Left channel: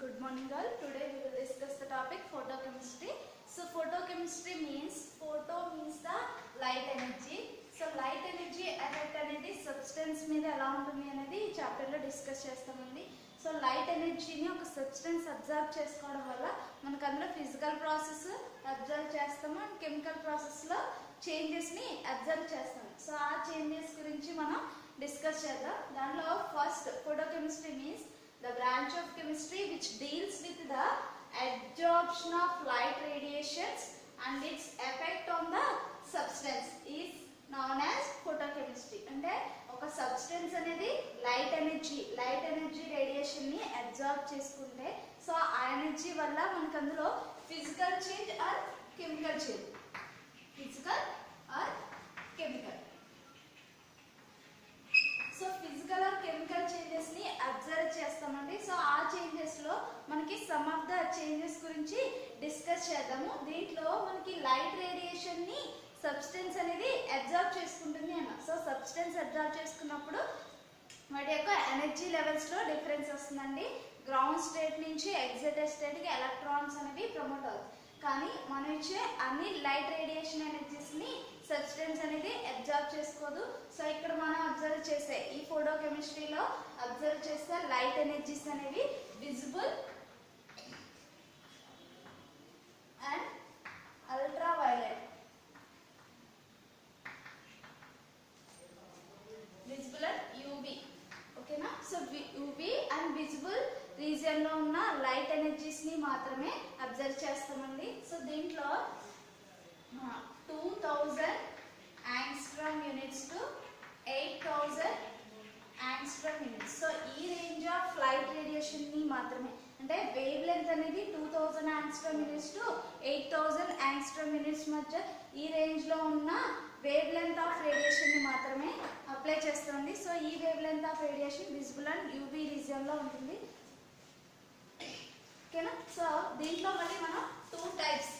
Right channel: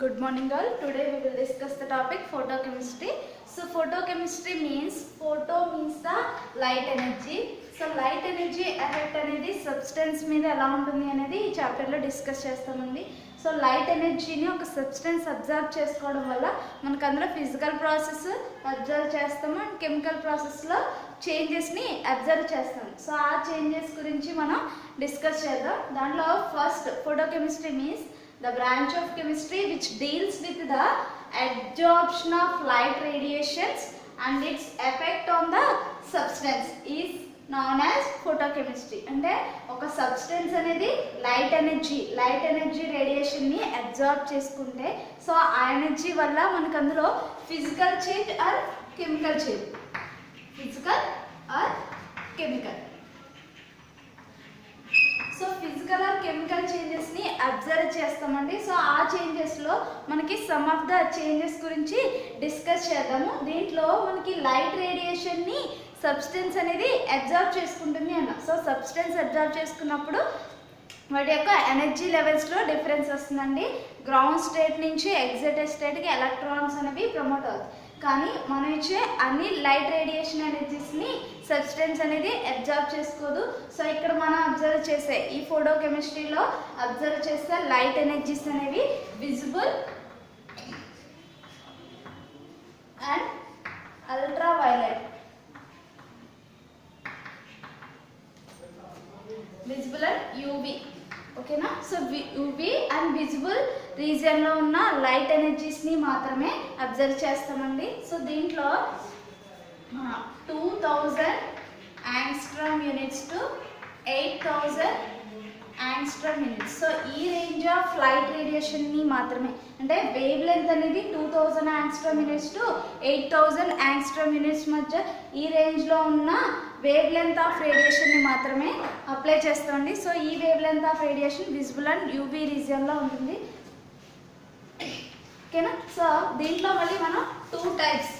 Good morning all. Today we will discuss the topic photochemistry. So photochemistry means the light energy. So light energy effect అనేది substance మీద ఎలా ఉంటుంది అనేది ఈ చాప్టర్లో డిస్కస్ చేస్తామండి. సో లైట్ ఎనర్జీని ఒక సబ్స్టెన్స్ అబ్జర్వ్ చేసుకోవడం వల్ల మనకు అందులో ఫిజికల్ ప్రాసెస్ అబ్జర్వ్ చేస్తాము అండ్ కెమికల్ ప్రాసెస్లో చేంజెస్ని అబ్జర్వ్ చేస్తాము. సో ఆ చేంజెస్ గురించి మనం డిస్కస్ చేద్దాం. దాంట్లో first photochemistry means the branch of chemistry which deals with the absorption of light radiations and its effect on the substance is known as photochemistry. అంటే ఒక substance అనేది లైట్ ఎనర్జీ రేడియేషన్ని absorb చేసుకుంటే so ఆ energy వల్ల మనకు అందులో physical change or chemical change so physical or chemical చేంజెస్ని అబ్జర్వ్ చేస్తామండి. సో ఆ చేంజెస్లో మనకి సమ్ ఆఫ్ ద చేంజెస్ గురించి డిస్కస్ చేద్దాము. దీంట్లో మనకి లైట్ రేడియేషన్ని సబ్స్టెన్స్ అనేది అబ్జర్వ్ చేసుకుంటుంది అన్న. సో సబ్స్టెన్స్ అబ్జర్వ్ చేసుకున్నప్పుడు వాటి యొక్క ఎనర్జీ లెవెల్స్లో డిఫరెన్స్ వస్తుందండి. గ్రౌండ్ స్టేట్ నుంచి ఎగ్జైటెడ్ స్టేట్కి ఎలక్ట్రాన్స్ అనేవి ప్రమోట్ అవుతాయి. కానీ మనం ఇచ్చే అన్ని లైట్ రేడియేషన్ ఎనర్జీస్ని సబ్స్టెన్స్ అనేది అబ్జర్వ్ చేసుకోదు. సో ఇక్కడ మనం అబ్జర్వ్ చేసే ఈ ఫోటోకెమిస్ట్రీలో అబ్జర్వ్ చేసే లైట్ ఎనర్జీస్ అనేవి visible and ultra violet. Visible and UV, ఓకేనా. సో యూవి అండ్ విజిబుల్ రీజియన్లో ఉన్న లైట్ ఎనర్జీస్ని మాత్రమే అబ్జర్వ్ చేస్తామండి. సో దీంట్లో 2000 angstrom units to 8000 angstrom units. So ఈ రేంజ్ ఆఫ్ లైట్ రేడియేషన్ని మాత్రమే, అంటే వేవ్ లెంత్ అనేది 2000 angstrom units to 8000 angstrom units మధ్య ఈ రేంజ్లో ఉన్న వేవ్ లెంత్ ఆఫ్ రేడియేషన్ని మాత్రమే అప్లై చేస్తామండి. సో ఈ wavelength of radiation visible and UV రీజియన్లో ఉంటుంది, ఓకేనా. సో దీంట్లో మళ్ళీ మనం టూ టైప్స్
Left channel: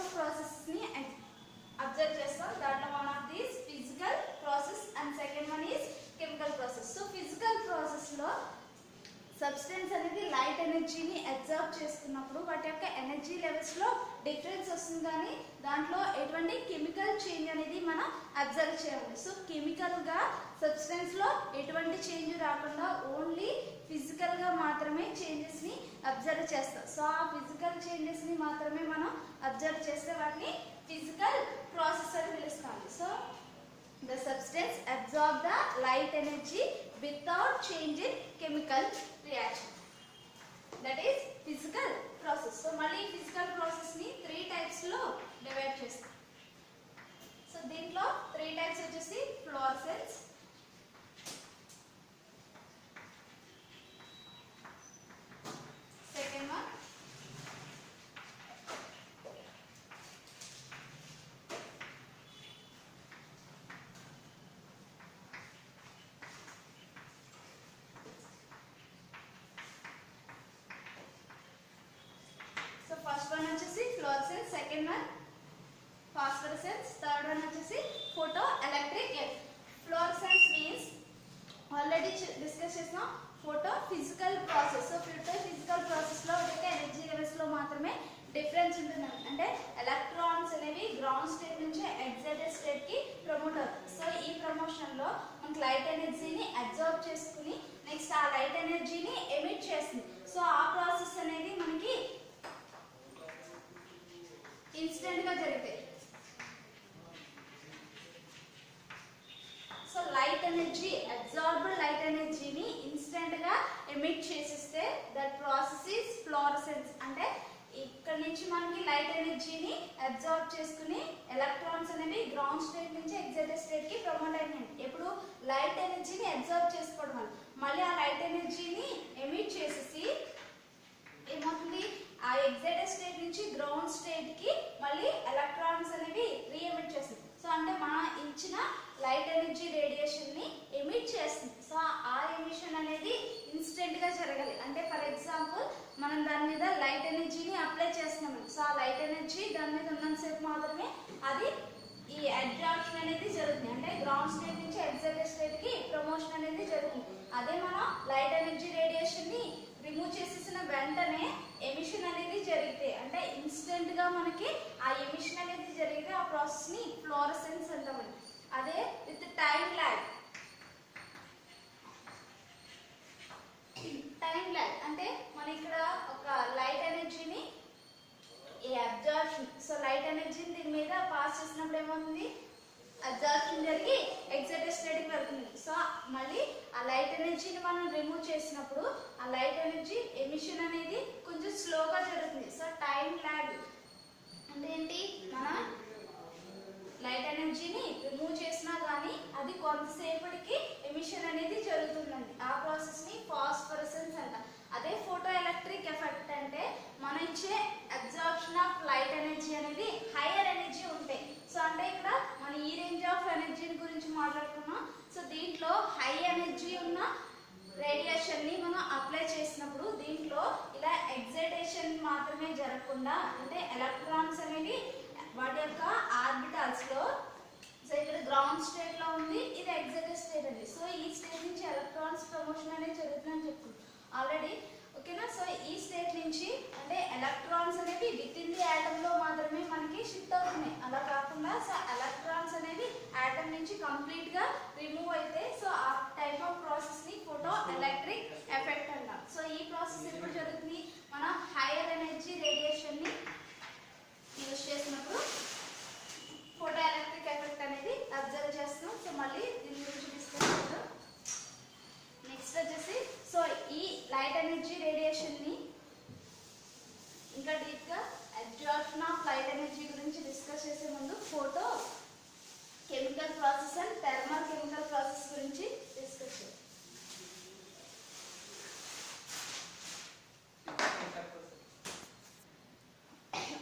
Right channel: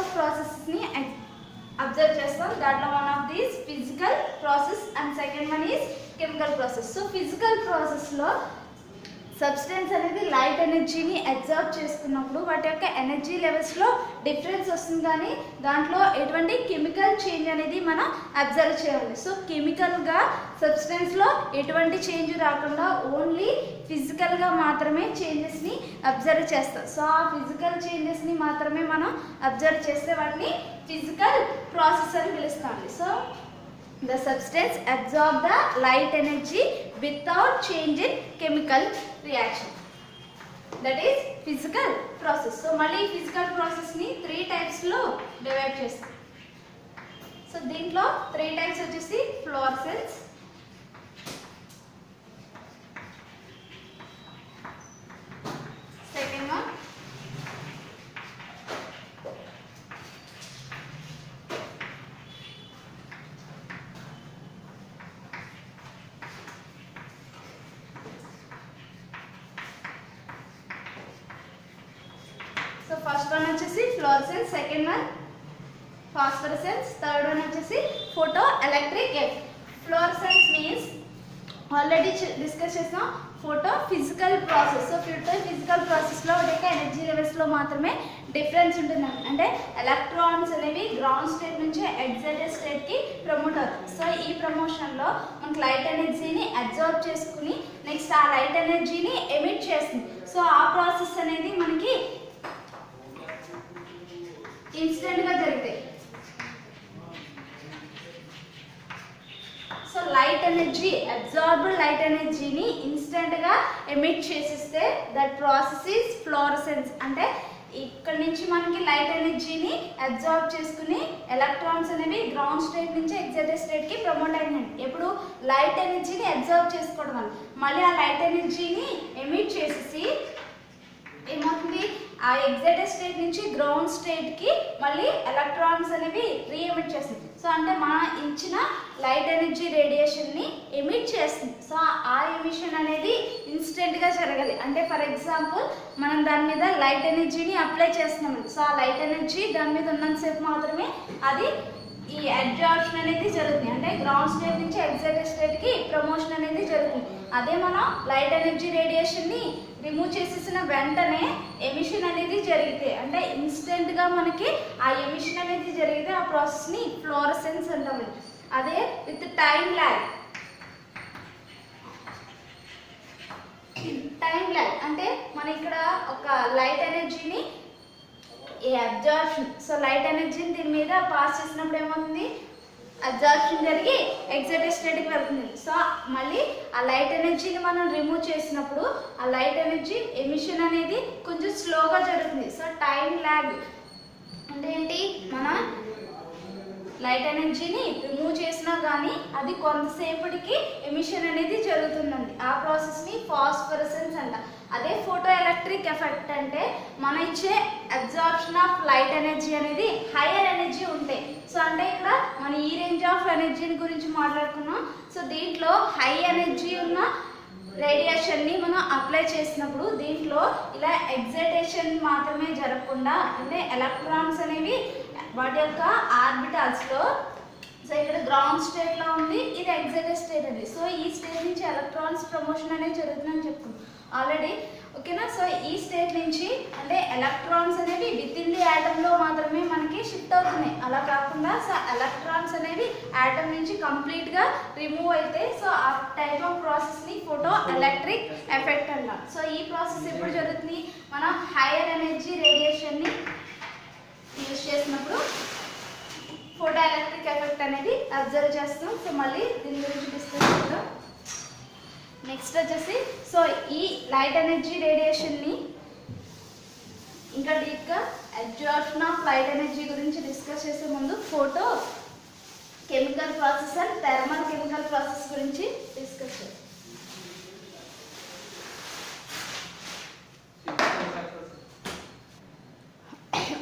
ఆఫ్ ప్రాసెస్ని అబ్జర్వ్ చేస్తాం. దాంట్లో one of these physical process and second one is chemical process. So physical ప్రాసెస్లో సబ్స్టెన్స్ అనేది లైట్ ఎనర్జీని అబ్జర్వ్ చేసుకున్నప్పుడు వాటి యొక్క ఎనర్జీ లెవెల్స్లో డిఫరెన్స్ వస్తుంది, కానీ దాంట్లో ఎటువంటి కెమికల్ చేంజ్ అనేది మనం అబ్జర్వ్ చేయాలి. సో కెమికల్గా సబ్స్టెన్స్లో ఎటువంటి చేంజ్ రాకుండా ఓన్లీ ఫిజికల్గా మాత్రమే చేంజెస్ని అబ్జర్వ్ చేస్తాం. సో ఆ ఫిజికల్ చేంజెస్ని మాత్రమే మనం అబ్జర్వ్ చేస్తే వాటిని ఫిజికల్ ప్రాసెస్ అని పిలుస్తామండి. So the substance absorb the light energy without change in chemical reaction, that is physical process. So మళ్ళీ physical process ని 3 types లో డివైడ్ చేస్తాం. సో దీంట్లో 3 types వచ్చేసి fluorescence, second one first one వచ్చేసి fluorescence, second one phosphorescence, third one వచ్చేసి photoelectric effect. Fluorescence means already discuss చేసాం photophysical process. So physical ప్రాసెస్లో ఒక ఎనర్జీ లెవెల్స్లో మాత్రమే డిఫరెన్స్ ఉంటుందండి. అంటే ఎలక్ట్రాన్స్ అనేవి గ్రౌండ్ స్టేట్ నుంచి ఎగ్జైటెడ్ స్టేట్కి ప్రమోట్ అవుతుంది. సో ఈ ప్రమోషన్లో మనకు లైట్ ఎనర్జీని అబ్జర్వ్ చేసుకుని నెక్స్ట్ ఆ లైట్ ఎనర్జీని ఎమిట్ చేస్తుంది. సో ఆ ప్రాసెస్ అనేది మనకి ఇన్స్టెంట్గా జరుగుతాయి. So light energy absorbed light ఎనర్జీని ఇన్స్టెంట్గా ఎమిట్ చేసిస్తే దట్ ప్రాసెస్ ఈజ్ ఫ్లోరసెన్స్. అంటే ఇక్కడ నుంచి మనకి లైట్ ఎనర్జీని అబ్జార్బ్ చేసుకుని ఎలక్ట్రాన్స్ అనేవి గ్రౌండ్ స్టేట్ నుంచి ఎగ్జైటెడ్ స్టేట్కి ప్రమోట్ అయినాయి. ఎప్పుడు లైట్ ఎనర్జీని అబ్జార్బ్ చేసుకోవడం వల్ల మళ్ళీ ఆ లైట్ ఎనర్జీని ఎమిట్ చేసేసి ఏమవుతుంది, ఆ ఎగ్జైటెడ్ స్టేట్ నుంచి గ్రౌండ్ స్టేట్కి మళ్ళీ ఎలక్ట్రాన్స్ అనేవి రీఎమిట్ చేస్తుంది. సో అంటే మనం ఇచ్చిన లైట్ ఎనర్జీ రేడియేషన్ని ఎమిట్ చేస్తుంది. సో ఆ ఎమిషన్ అనేది ఇన్స్టెంట్గా జరగాలి. అంటే ఫర్ ఎగ్జాంపుల్ మనం దాని మీద లైట్ ఎనర్జీని అప్లై చేస్తున్నాము. సో ఆ లైట్ ఎనర్జీ దాని మీద ఉన్నంతసేపు మాత్రమే అది ఈ అబ్జార్ప్షన్ అనేది జరుగుతుంది, అంటే గ్రౌండ్ స్టేట్ నుంచి ఎగ్జైటెడ్ స్టేట్కి ప్రమోషన్ అనేది జరుగుతుంది. అదే మనం లైట్ ఎనర్జీ రేడియేషన్ని రిమూవ్ చేసేసిన వెంటనే ఎమిషన్ అనేది జరిగితే, అంటే ఇన్స్టెంట్గా మనకి ఆ ఎమిషన్ అనేది జరిగితే ఆ ప్రాసెస్ని ఫ్లోరసెన్స్ అంటాము. అదే విత్ టైం ల్యాగ్ అంటే మన ఇక్కడ ఒక లైట్ ఎనర్జీని ఈ అబ్జార్ప్షన్, సో లైట్ ఎనర్జీని దీని మీద పాస్ చేసినప్పుడు ఏమవుతుంది, అబ్జార్ప్షన్ జరిగి ఎగ్జైటెడ్ స్టేట్కి వెళ్తుంది. సో మళ్ళీ ఆ లైట్ ఎనర్జీని మనం రిమూవ్ చేసినప్పుడు ఆ లైట్ ఎనర్జీ ఎమిషన్ అనేది కొంచెం స్లోగా జరుగుతుంది. సో టైం ల్యాగ్ అంటే ఏంటి, మన లైట్ ఎనర్జీని రిమూవ్ చేసినా కానీ అది కొంతసేపటికి ఎమిషన్ అనేది జరుగుతుందండి. ఆ ప్రాసెస్ని ఫాస్ఫరసెన్స్ అంట. అదే ఫోటో ఎలక్ట్రిక్ ఎఫెక్ట్ అంటే మన ఇచ్చే అబ్జార్ప్షన్ ఆఫ్ లైట్ ఎనర్జీ అనేది హైయర్ ఎనర్జీ ఉంటాయి. సో అంటే ఇక్కడ మన ఈ రేంజ్ ఆఫ్ ఎనర్జీని గురించి మాట్లాడుకున్నాం. సో దీంట్లో హై ఎనర్జీ ఉన్న రేడియేషన్ని మనం అప్లై చేసినప్పుడు దీంట్లో ఇలా ఎగ్జైటేషన్ మాత్రమే జరగకుండా, అంటే ఎలక్ట్రాన్స్ అనేవి వాటి యొక్క ఆర్బిటాల్స్లో, సో ఇక్కడ గ్రౌండ్ స్టేట్లో ఉంది, ఇది ఎగ్జైటెడ్ స్టేట్ అండి. సో ఈ స్టేట్ నుంచి ఎలక్ట్రాన్స్ ప్రమోషన్ అనేది జరుగుతుందని చెప్పుకున్నాం ఆల్రెడీ, ఓకేనా. సో ఈ స్టేట్ నుంచి అంటే ఎలక్ట్రాన్స్ అనేవి విత్ ఇన్ ది యాటంలో మాత్రమే మనకి షిఫ్ట్ అవుతున్నాయి. అలా కాకుండా సో ఎలక్ట్రాన్స్ అనేవి యాటమ్ నుంచి కంప్లీట్గా రిమూవ్ అయితే సో ఆ టైప్ ఆఫ్ ప్రాసెస్ని ఫోటో ఎలక్ట్రిక్ ఎఫెక్ట్ అన్నాం. సో ఈ ప్రాసెస్ ఎప్పుడు జరుగుతుంది, మనం హైయర్ ఎనర్జీ రేడియేషన్ని యూజ్ చేసినప్పుడు ఫోటో ఎలక్ట్రిక్ ఎఫెక్ట్ అనేది అబ్జర్వ్ చేస్తాం. సో మళ్ళీ దీని గురించి డిస్కస్ చేద్దాం. నెక్స్ట్ వచ్చేసి సో ఈ లైట్ ఎనర్జీ రేడియేషన్ని ఇంకా డీప్గా అబ్జార్ప్షన్ ఆఫ్ లైట్ ఎనర్జీ గురించి డిస్కస్ చేసే ముందు photo chemical process and thermal chemical process గురించి డిస్కస్ చేద్దాం.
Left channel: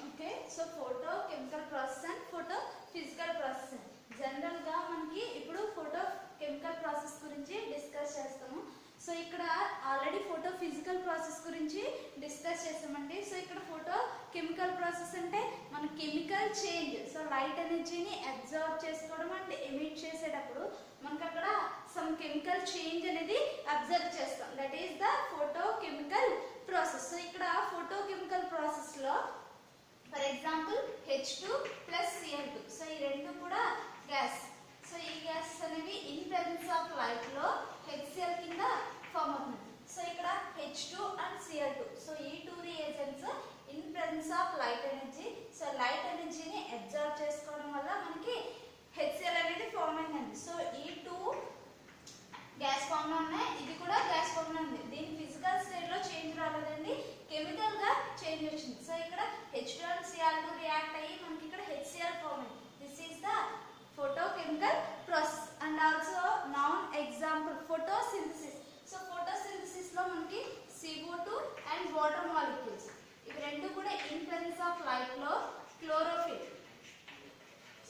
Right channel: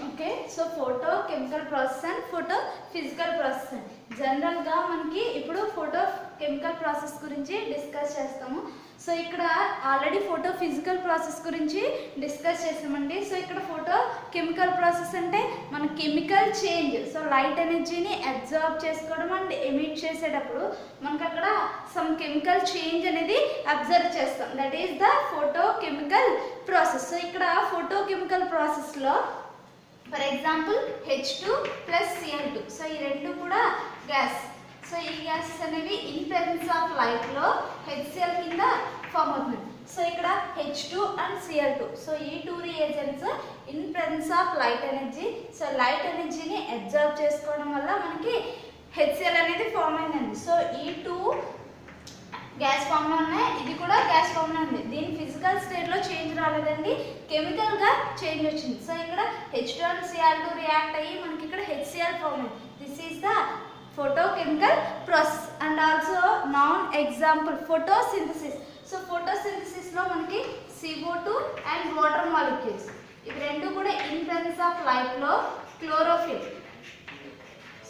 Okay, so photo chemical process and photo physical process అండి. జనరల్గా మనకి ఇప్పుడు ఫోటో కెమికల్ ప్రాసెస్ గురించి డిస్కస్ చేస్తాము. సో ఇక్కడ ఆల్రెడీ ఫోటో ఫిజికల్ ప్రాసెస్ గురించి డిస్కస్ చేసామండి. సో ఇక్కడ ఫోటో కెమికల్ ప్రాసెస్ అంటే మన కెమికల్ చేంజ్, సో లైట్ ఎనర్జీని అబ్జార్బ్ చేసుకోవడం అండ్ ఎమిట్ చేసేటప్పుడు మనకు అక్కడ సమ్ కెమికల్ చేంజ్ అనేది అబ్జర్వ్ చేస్తాం. That is the photo chemical process. So ఇక్కడ ఫోటో కెమికల్ ప్రాసెస్లో for example H2 + Cl2, so ఈ రెండు కూడా గ్యాస్. సో ఈ గ్యాసెస్ అనేవి ఇన్ ప్రెజెన్స్ ఆఫ్ లైట్లో HCl కింద ఫామ్ అవుతుంది. సో ఇక్కడ H2 అండ్ Cl2, సో ఈ two reagents in presence of light energy, so light ఎనర్జీని అబ్జర్వ్ చేసుకోవడం వల్ల మనకి HCl అనేది ఫామ్ అయిందండి. సో ఈ టూ గ్యాస్ ఫామ్లో ఉన్నాయి, ఇది కూడా గ్యాస్ ఫామ్లో ఉంది. దీని ఫిజికల్ స్టేట్లో చేంజ్ రాలేదండి, కెమికల్గా చేంజ్ వచ్చింది. సో ఇక్కడ H2 అండ్ Cl2 రియాక్ట్ అయ్యి మనకి ఇక్కడ HCl ఫామ్ అయింది. This is the photochemical process and also non example photosynthesis. So photosynthesis లో మనకి CO2 and water molecules ఇవి రెండు కూడా in presence of light లో chlorophyll.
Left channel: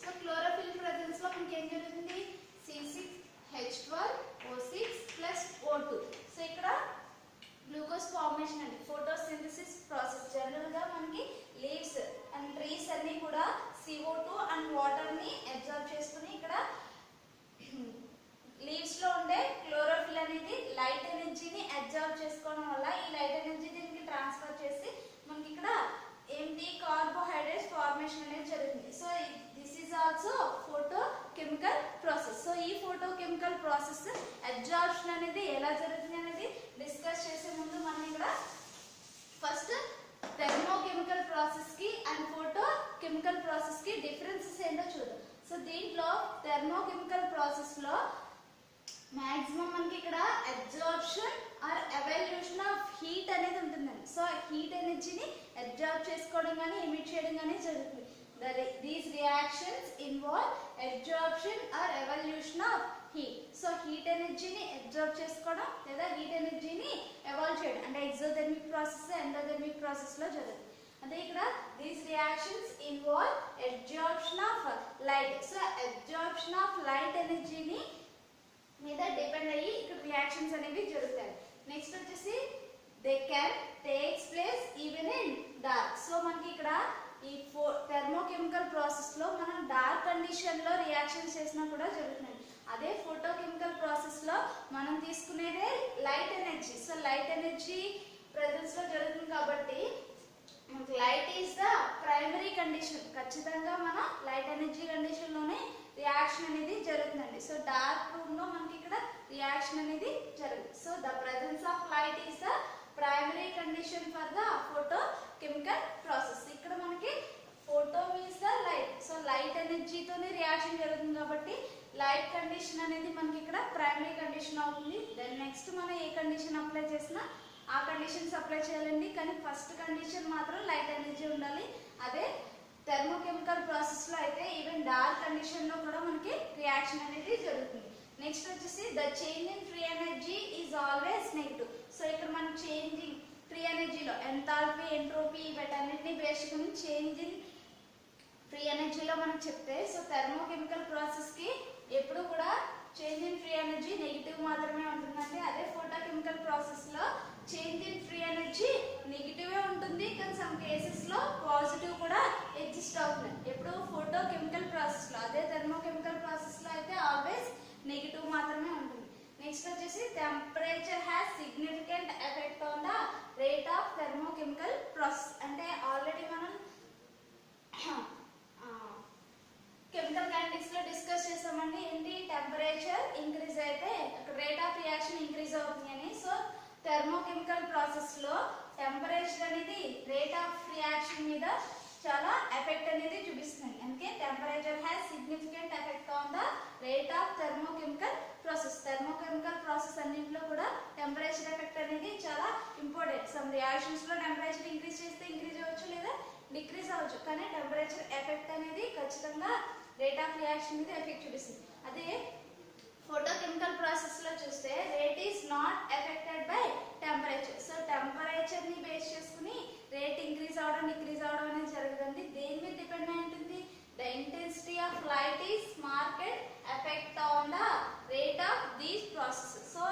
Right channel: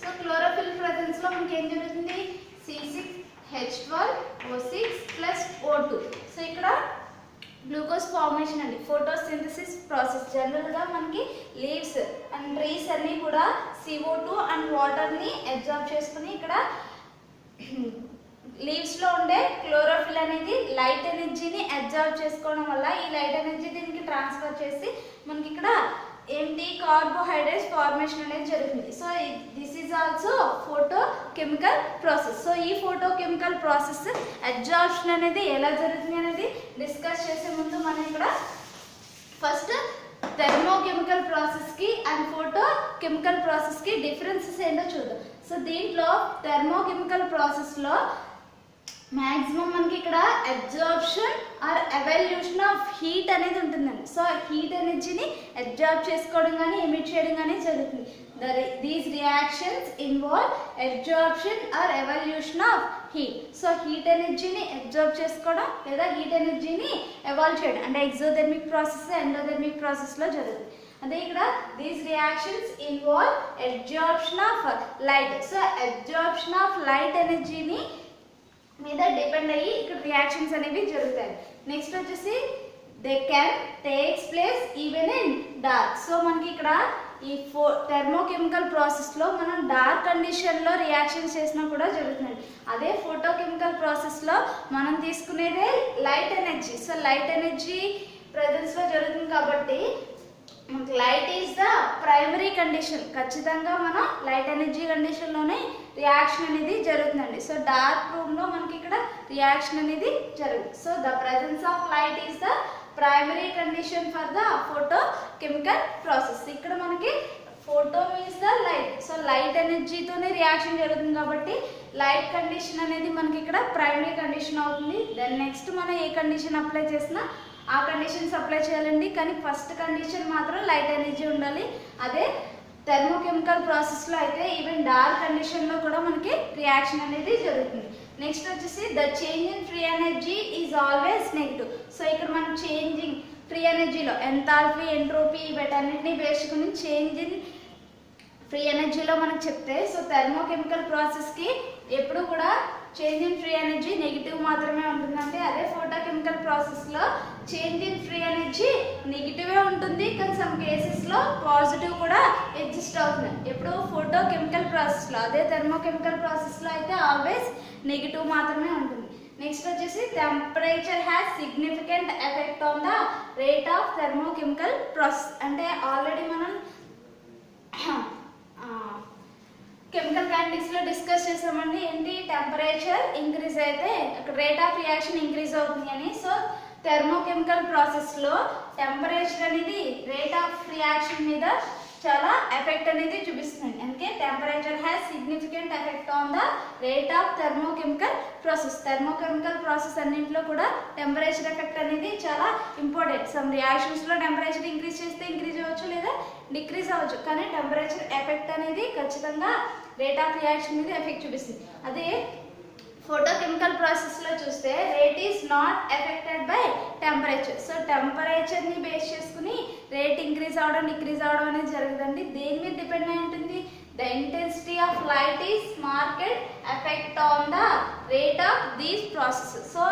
సో chlorophyll presence లో మనకి ఏం జరుగుతుంది, C6H12O6 + O2. సో ఇక్కడ గ్లూకోజ్ ఫార్మేషన్ అండి, ఫోటోసింథసిస్ ప్రాసెస్. జనరల్గా మనకి లీవ్స్ అండ్ ట్రీస్ అన్నీ కూడా CO2 అండ్ వాటర్ని అబ్జార్బ్ చేసుకుని ఇక్కడ లీవ్స్లో ఉండే క్లోరోఫిల్ అనేది లైట్ ఎనర్జీని అబ్జార్బ్ చేసుకోవడం వల్ల ఈ లైట్ ఎనర్జీ దీనికి ట్రాన్స్ఫర్ చేసి మనకి ఇక్కడ ఏంటి కార్బోహైడ్రేట్స్ ఫార్మేషన్ అనేది జరుగుతుంది. So this is also photochemical process. So ఈ ఫోటో కెమికల్ ప్రాసెస్ అబ్జార్ప్షన్ అనేది ఎలా జరుగుతుంది అనేది డిస్కస్ చేసే ముందు మనం ఇక్కడ ఫస్ట్ థర్మోకెమికల్ ప్రాసెస్కి అండ్ ఫోటో కెమికల్ ప్రాసెస్కి డిఫరెన్సెస్ ఏంటో చూద్దాం. సో దీంట్లో థర్మోకెమికల్ ప్రాసెస్లో మ్యాక్సిమం మనకి ఇక్కడ absorption or evolution of heat అనేది ఉంటుందండి. సో హీట్ ఎనర్జీని అబ్జార్బ్ చేసుకోవడం కానీ ఎమిట్ చేయడం కానీ జరుగుతుంది. These reactions involve absorption or evolution of heat. So heat ఎనర్జీని అబ్జార్బ్ చేసుకోవడం లేదా హీట్ ఎనర్జీని ఎవాల్వ్ చేయడం అంటే ఎగ్జోథెర్మిక్ ప్రాసెస్ ఎండోథెర్మిక్ ప్రాసెస్లో జరుగుతుంది. అదే ఇక్కడ these reactions involve absorption of light. So absorption of light ఎనర్జీని మీద డిపెండ్ అయ్యి ఇక్కడ రియాక్షన్స్ అనేవి జరుగుతాయి. నెక్స్ట్ వచ్చేసి they can takes place even in dark. So మనకి ఇక్కడ ఈ థెర్మోకెమికల్ ప్రాసెస్లో మనం డార్క్ కండిషన్లో రియాక్షన్ చేసినా కూడా జరుగుతుంది. అదే ఫోటోకెమికల్ ప్రాసెస్లో మనం తీసుకునేదే light energy. So light energy ప్రెజెన్స్లో జరుగుతుంది కాబట్టి light is the primary condition. ఖచ్చితంగా మనం లైట్ ఎనర్జీ కండిషన్లోనే రియాక్షన్ అనేది జరుగుతుందండి. సో డార్క్ రూమ్లో మనకి ఇక్కడ రియాక్షన్ అనేది జరుగుతుంది. So the presence of light is the primary condition for the photochemical process. ఇక్కడ మనకి photo means the light. So light ఎనర్జీతోనే రియాక్షన్ జరుగుతుంది కాబట్టి లైట్ కండిషన్ అనేది మనకి ఇక్కడ ప్రైమరీ కండిషన్ అవుతుంది. దెన్ నెక్స్ట్ మనం ఏ కండిషన్ అప్లై చేసినా ఆ కండిషన్స్ అప్లై చేయాలండి. కానీ ఫస్ట్ కండిషన్ మాత్రం లైట్ ఎనర్జీ ఉండాలి. అదే థెర్మోకెమికల్ ప్రాసెస్లో అయితే ఈవెన్ డార్క్ కండిషన్లో కూడా మనకి రియాక్షన్ అనేది జరుగుతుంది. నెక్స్ట్ వచ్చేసి the change in free energy is always negative. So ఇక్కడ మనం చేంజింగ్ ఫ్రీ ఎనర్జీలో ఎంథాల్పీ, ఎంట్రోపీ వీటన్నిటిని వేసుకుని చేంజ్ ఇన్ ఫ్రీ ఎనర్జీలో మనకు చెప్తే సో థెర్మోకెమికల్ ప్రాసెస్కి ఎప్పుడు కూడా change in free energy negative మాత్రమే ఉంటుందంటే, అదే ఫోటోకెమికల్ ప్రాసెస్లో చేంజ్ ఇన్ ఫ్రీ ఎనర్జీ నెగిటివే ఉంటుంది. కానీ సమ్ కేసెస్లో పాజిటివ్ కూడా ఎగ్జిస్ట్ అవుతుంది ఎప్పుడు ఫోటోకెమికల్ ప్రాసెస్లో. అదే థెర్మోకెమికల్ ప్రాసెస్లో అయితే ఆల్వేస్ నెగిటివ్ మాత్రమే ఉంటుంది. నెక్స్ట్ వచ్చేసి temperature has significant effect on the rate of thermochemical process. అంటే ఆల్రెడీ మనం కెమికల్ కైనెటిక్స్లో డిస్కస్ చేసామండి. ఏంటి టెంపరేచర్ ఇంక్రీజ్ అయితే రేట్ ఆఫ్ రియాక్షన్ ఇంక్రీజ్ అవుతుంది అని. సో థెర్మోకెమికల్ ప్రాసెస్లో టెంపరేచర్ అనేది రేట్ ఆఫ్ రియాక్షన్ మీద చాలా ఎఫెక్ట్ అనేది చూపిస్తుంది. అందుకే temperature has significant effect on the rate of thermochemical process. Thermochemical process అన్నింటిలో కూడా టెంపరేచర్ ఎఫెక్ట్ అనేది చాలా ఇంపార్టెంట్. సమ్ రియాక్షన్స్లో టెంపరేచర్ ఇంక్రీజ్ చేస్తే ఇంక్రీజ్ అవ్వచ్చు లేదా డిక్రీజ్ అవ్వచ్చు. కానీ టెంపరేచర్ ఎఫెక్ట్ అనేది ఖచ్చితంగా రేట్ ఆఫ్ రియాక్షన్ మీద ఎఫెక్ట్ చూపిస్తుంది. అదే ఫోటోకెమికల్ ప్రాసెస్లో చూస్తే rate is not affected by temperature. So టెంపరేచర్ని బేస్ చేసుకుని రేట్ ఇంక్రీజ్ అవ్వడం డిక్రీజ్ అవ్వడం అనేది జరుగుతుంది. దేని మీద డిపెండ్ అయి ఉంటుంది? The intensity of light is market effect on the rate of these process. So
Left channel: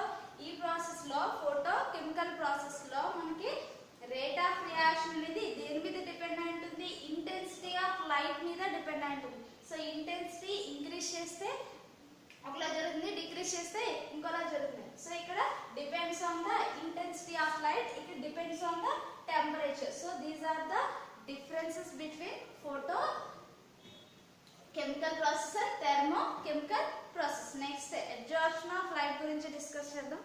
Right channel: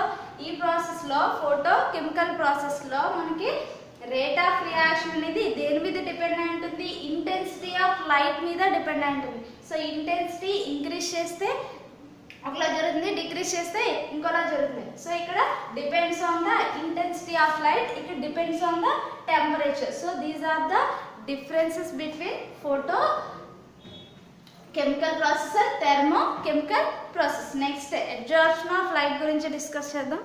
ఈ ప్రాసెస్లో ఫోటోకెమికల్ ప్రాసెస్లో మనకి రేట్ ఆఫ్ రియాక్షన్ అనేది దేని మీద డిపెండ్ అయి ఉంటుంది? ఇంటెన్సిటీ ఆఫ్ లైట్ మీద డిపెండ్ అయి ఉంటుంది. సో ఇంటెన్సిటీ ఇంక్రీజ్ చేస్తే ఒకలా జరుగుతుంది, డిక్రీజ్ చేస్తే ఇంకోలా జరుగుతుంది. సో ఇక్కడ depends on the intensity of light, ఇక్కడ depends on the temperature. So these are the differences between photochemical process and thermochemical process. Next absorption of light గురించి discuss చేద్దాం.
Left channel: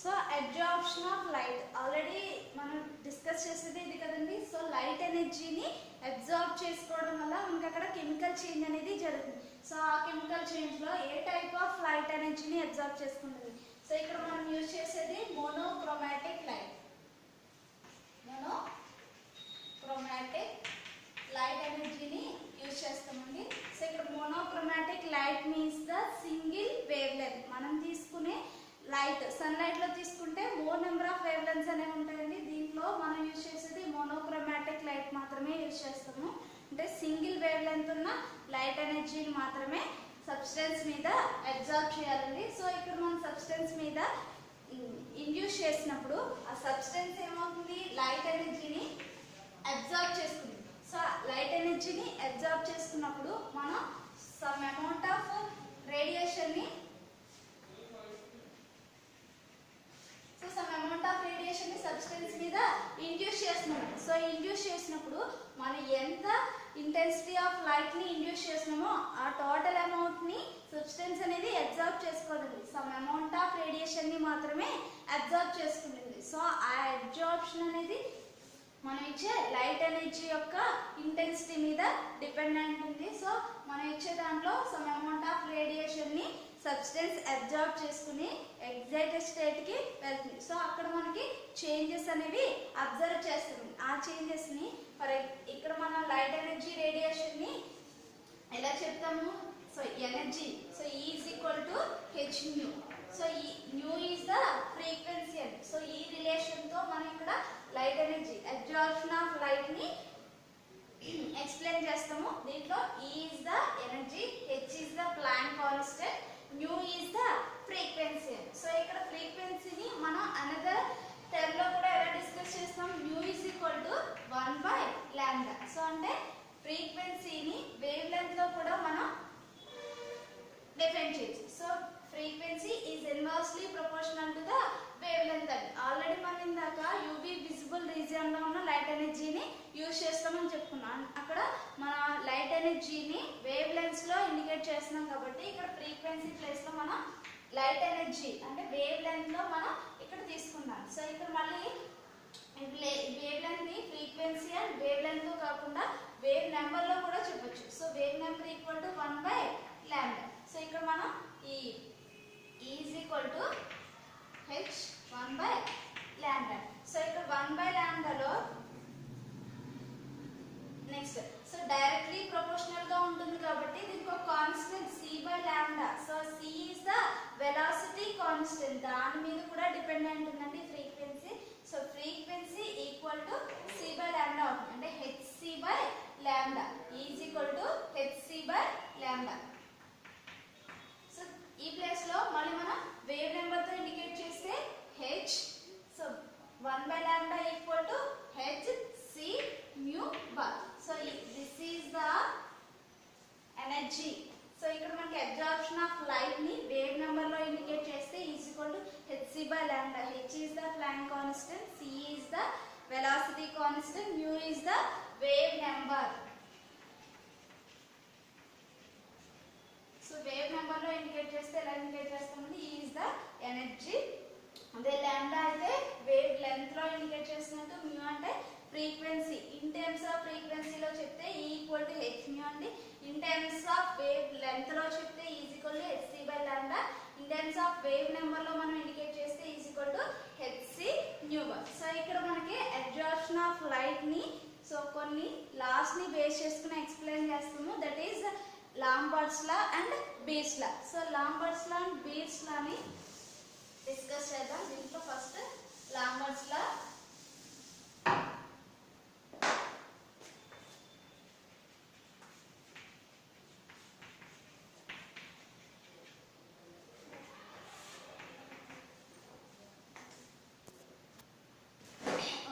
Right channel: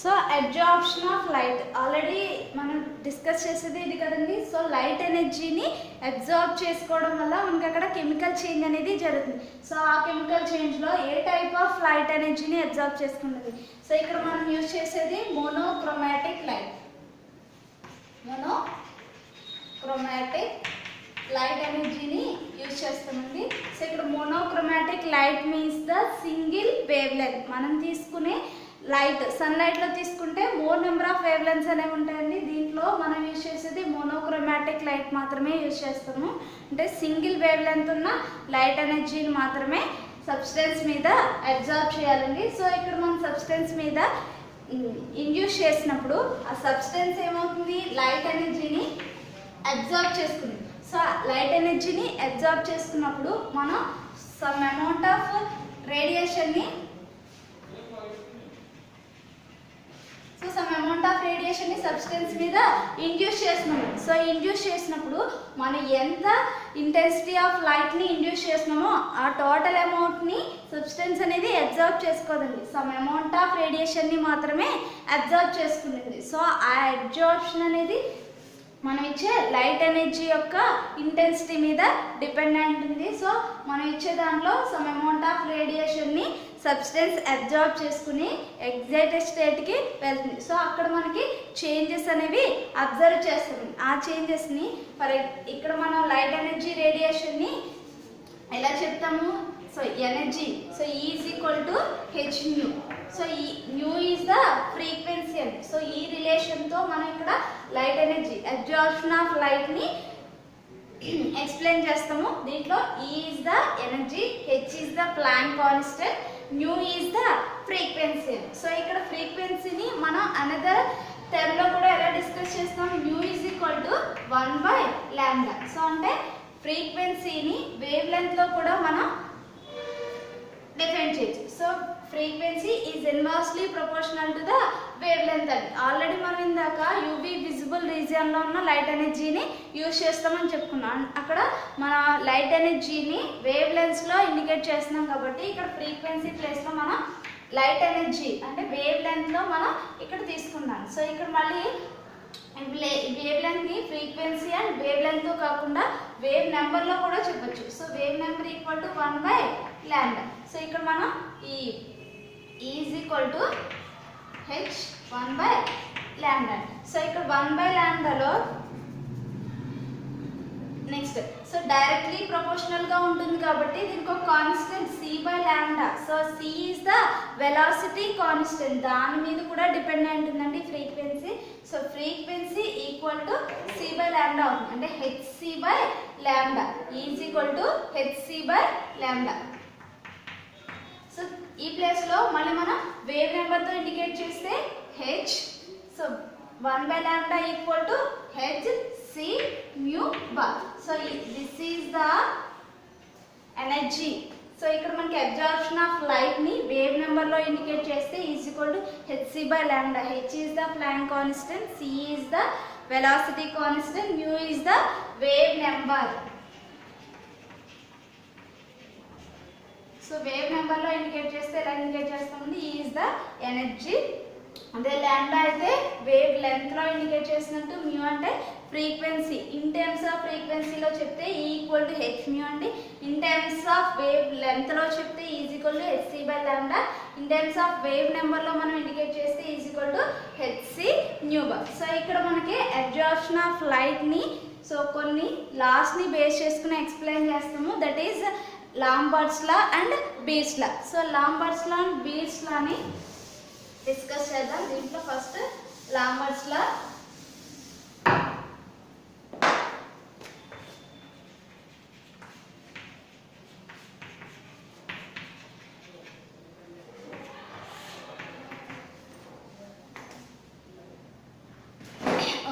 So absorption of light already మనం discuss చేసేది ఇది కదండి. So light ఎనర్జీని absorb చేసుకోవడం వల్ల మనకి అక్కడ కెమికల్ చేంజ్ అనేది జరుగుతుంది. సో ఆ కెమికల్ చేంజ్లో ఏ టైప్ ఆఫ్ లైట్ ఎనర్జీని అబ్జార్బ్ చేసుకున్నది? సో ఇక్కడ మనం యూజ్ చేసేది మోనోక్రోమాటిక్ లైట్. మోనోక్రోమాటిక్ లైట్ ఎనర్జీని యూజ్ చేస్తామండి. సో ఇక్కడ monochromatic light means the single wavelength. మనం తీసుకునే లైట్ సన్లైట్లో తీసుకుంటే more number of wavelength అనేవి ఉంటాయండి. దీంట్లో మనం యూజ్ చేసేది మోనోక్రోమాటిక్ లైట్ మాత్రమే యూజ్ చేస్తాము. అంటే సింగిల్ వేవ్ లెంత్ ఉన్న లైట్ ఎనర్జీని మాత్రమే సబ్స్టెన్స్ మీద అబ్జార్బ్ చేయాలండి. సో ఇక్కడ మనం సబ్స్టెన్స్ మీద ఇండ్యూస్ చేసినప్పుడు ఆ సబ్స్టెన్స్ ఏమవుతుంది? లైట్ ఎనర్జీని అబ్జార్బ్ చేసుకుంది. సో లైట్ ఎనర్జీని అబ్జార్బ్ చేసుకున్నప్పుడు మనం సమ్ అమౌంట్ ఆఫ్ రేడియేషన్ని సబ్స్టెన్స్ మీద ఇండ్యూస్ చేస్తున్నాము. సో ఇండ్యూస్ చేసినప్పుడు మనం ఎంత ఇంటెన్సిటీ ఆఫ్ లైట్ని ఇండ్యూస్ చేస్తున్నామో ఆ టోటల్ అమౌంట్ని సబ్స్టెన్స్ అనేది అబ్జర్వ్ చేసుకోదండి. సమ్ అమౌంట్ ఆఫ్ రేడియేషన్ని మాత్రమే అబ్జర్వ్ చేసుకుంటుంది. సో ఆ అబ్జార్ప్షన్ అనేది మనం ఇచ్చే లైట్ ఎనర్జీ యొక్క ఇంటెన్సిటీ మీద డిపెండ్ అయి ఉంటుంది. సో మనం ఇచ్చే దాంట్లో సమ్ అమౌంట్ ఆఫ్ రేడియేషన్ని సబ్స్టెన్స్ అబ్జార్బ్ చేసుకుని ఎగ్జైటెడ్ స్టేట్కి వెళ్తుంది. సో అక్కడ మనకి చేంజెస్ అనేవి అబ్జర్వ్ చేస్తుంది. ఆ చేంజెస్ని ఇక్కడ మనం లైట్ ఎనర్జీ రేడియేషన్ని ఎలా చెప్తాము? So energy, so E is equal to hν. So ఈ న్యూ ఈజ్ ద ఫ్రీక్వెన్సీ అండి. సో ఈ రిలేషన్తో మనం ఇక్కడ లైట్ ఎనర్జీ అబ్జార్ప్షన్ ఆఫ్ లైట్ని ఎక్స్ప్లెయిన్ చేస్తాము. దీంట్లో E is the energy, H is the Planck constant, nu is the frequency. So ఇక్కడ ఫ్రీక్వెన్సీని మనం అనదర్ టర్మ్లో కూడా ఎలా డిస్కస్ చేస్తాం, nu is equal to 1/λ. So అంటే ఫ్రీక్వెన్సీని వేవ్ లెంత్లో కూడా మనం డిఫైన్ చేయొచ్చు. So frequency is inversely proportional to the wave length అని ఆల్రెడీ మనం ఇందాక యూవీ విజిబుల్ రీజియన్లో ఉన్న లైట్ ఎనర్జీని యూజ్ చేస్తామని చెప్పుకున్నాం. అక్కడ మన లైట్ ఎనర్జీని వేవ్ లెంత్స్లో ఇండికేట్ చేస్తున్నాం కాబట్టి ఇక్కడ ఫ్రీక్వెన్సీ ప్లేస్లో మనం లైట్ ఎనర్జీ అంటే వేవ్ లెంత్లో మనం ఇక్కడ తీసుకున్నాం. సో ఇక్కడ మళ్ళీ వేవ్ లెంత్ని ఫ్రీక్వెన్సీ అండ్ వేవ్ లెంత్తో కాకుండా వేవ్ నెంబర్లో కూడా చెప్పొచ్చు. So wave number equal to 1/λ. So ఇక్కడ మనం E is equal to h 1/λ. So ఇక్కడ 1/λలో నెక్స్ట్ సో డైరెక్ట్లీ ప్రపోర్షనల్ గా ఉంటుంది కాబట్టి దీనికి ఒక constant c/λ. So c is the velocity constant, దాని మీద కూడా డిపెండెంట్ ఉందండి frequency. So frequency equal to c/λ అవుతుంది, అంటే hc/λ is equal to hc/λ. So ఈ ప్లేస్ లో మళ్ళీ మనం వేవ్ నెంబర్ తో ఇండికేట్ చేస్తే h. So 1/λ equal to hc mu bar. So this is the energy. So ఇక్కడ మనకి అబ్జార్ప్షన్ ఆఫ్ లైట్ ని వేవ్ నెంబర్ లో ఇండికేట్ చేస్తే is equal to hc/λ. h is the Planck constant, c is the velocity constant, mu is the wave number. So wave number లో indicate చేస్తే ఎలా indicate చేస్తామండి, E is the energy. అదే lambda అయితే wave length లో indicate చేసినట్టు, mu అంటే frequency. In terms of ఫ్రీక్వెన్సీలో చెప్తే ఈ ఈక్వల్ టు హెచ్ మ్యూ అండి. In terms of wavelength లో చెప్తే is equal to hc/λ. In terms of wave number లో మనం ఇండికేట్ చేస్తే is equal to hc nu bar. So ఇక్కడ మనకి అబ్జార్ప్షన్ ఆఫ్ లైట్ ని సో కొన్ని లాస్ ని బేస్ చేసుకుని ఎక్స్ప్లెయిన్ చేస్తాము. That is Lambert's law and Beer's law. So Lambert's law and beats లాని discuss చేద్దాం. దీంట్లో ఫస్ట్ లాంబర్ట్స్ లా.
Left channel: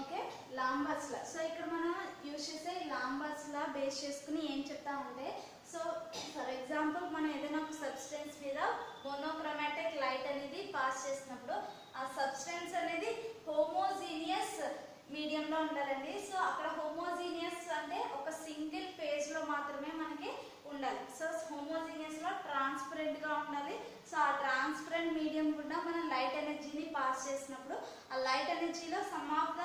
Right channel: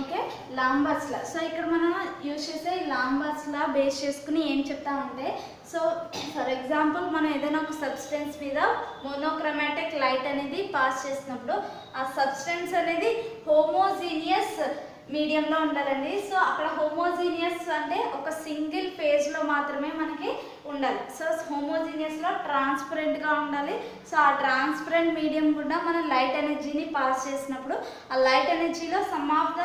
ఓకే, లాంబర్ట్స్ లా. So ఇక్కడ మనం యూజ్ చేసే లాంబర్ట్స్ లా బేస్ చేసుకుని ఏం చెప్తామంటే, సో ఫర్ ఎగ్జాంపుల్ మనం ఏదైనా ఒక సబ్స్టెన్స్ మీద మోనోక్రోమాటిక్ లైట్ అనేది పాస్ చేసినప్పుడు ఆ సబ్స్టెన్స్ అనేది హోమోజీనియస్ మీడియంలో ఉండాలండి. సో అక్కడ హోమోజీనియస్ అంటే ఒక సింగిల్ ఫేజ్లో మాత్రమే మనకి ఉండాలి. సో హోమోజీనియస్లో ట్రాన్స్పరెంట్గా ఉండాలి. సో ఆ ట్రాన్స్పరెంట్ మీడియం కూడా మనం లైట్ ఎనర్జీని పాస్ చేసినప్పుడు ఆ లైట్ ఎనర్జీలో సమ్ ఆఫ్ ద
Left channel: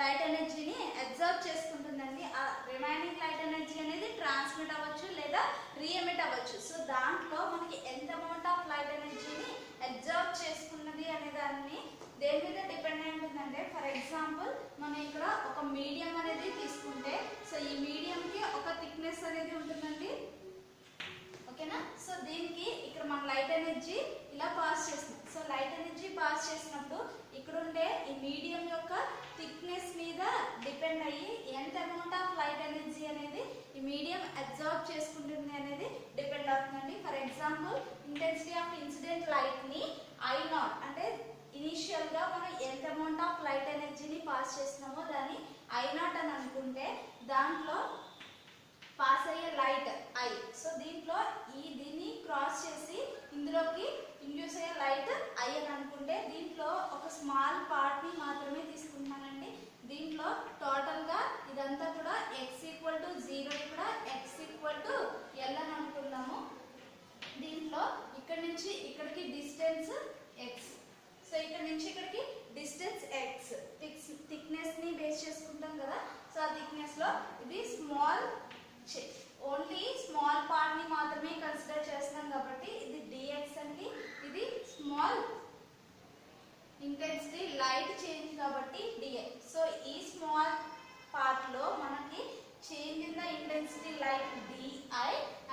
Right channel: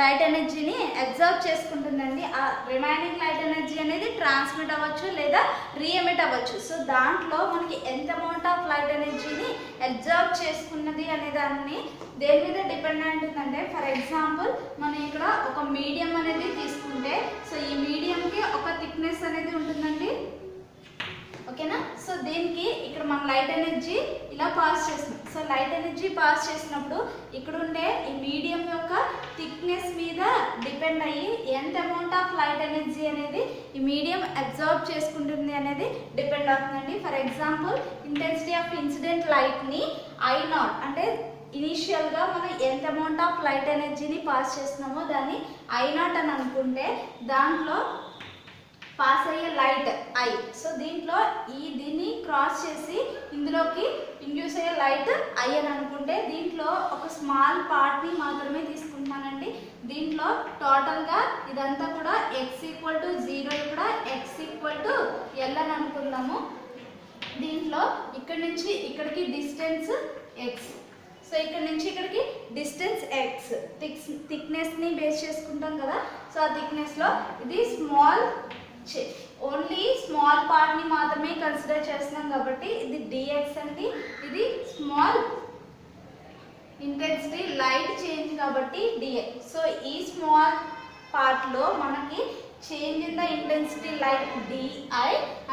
లైట్ ఎనర్జీని అబ్జర్వ్ చేసుకుంటుందండి. ఆ రిమైనింగ్ లైట్ ఎనర్జీ అనేది ట్రాన్స్మిట్ అవ్వచ్చు లేదా రీఎమిట్ అవ్వచ్చు. సో దాంట్లో మనకి ఎంత అమౌంట్ ఆఫ్ లైట్ ఎనర్జీని అబ్జర్వ్ చేసుకున్నది అనే దాన్ని దేని మీద డిపెండెంట్ ఉందంటే, ఫర్ ఎగ్జాంపుల్ మనం ఇక్కడ ఒక మీడియం అనేది తీసుకుంటే, సో ఈ మీడియంకి ఒక థిక్నెస్ అనేది ఉంటుందండి. ఓకేనా? సో దీనికి ఇక్కడ మనం లైట్ ఎనర్జీ ఇలా పాస్ చేస్తున్నాం. సో లైట్ ఎనర్జీ పాస్ చేసినప్పుడు ఇక్కడ ఉండే ఈ మీడియం యొక్క థిక్నెస్ మీద డిపెండ్ అయ్యి ఎంత అమౌంట్ ఆఫ్ లైట్ ఎనర్జీ అనేది ఈ మీడియం అబ్జర్వ్ చేసుకుంటుంది అనేది డిపెండ్ అవుతుందండి. For example intensity of incident లైట్ని I0 అంటే ఇనీషియల్గా మనం ఎంత అమౌంట్ ఆఫ్ లైట్ ఎనర్జీని పాస్ చేస్తున్నామో దాన్ని I0 అని అనుకుంటే, దాంట్లో పాస్ అయ్యే లైట్ I. సో దీంట్లో దీన్ని క్రాస్ చేసి ఇందులోకి ఇండ్యూస్ అయ్యే లైట్ I అని అనుకుంటే, దీంట్లో ఒక స్మాల్ పార్ట్ని మాత్రమే తీసుకుంటున్నానండి. దీంట్లో టోటల్గా ఇదంతా కూడా x=0, ఇక్కడ x=L అని అనుకుందాము. దీంట్లో ఇక్కడ నుంచి ఇక్కడికి డిస్టెన్స్ x. సో ఇక్కడ నుంచి ఇక్కడికి డిస్టెన్స్ x. థిక్నెస్ని బేస్ చేసుకుంటాం కదా. సో ఆ థిక్నెస్లో ఇది స్మాల్, ఓన్లీ స్మాల్ పార్ట్ని మాత్రమే కన్సిడర్ చేస్తున్నాం కాబట్టి ఇది dx అండి. ఇది స్మాల్ ఇంటెన్సిటీ లైట్ చేంజ్ కాబట్టి dx. సో ఈ స్మాల్ పార్ట్లో మనకి change in the intensity light di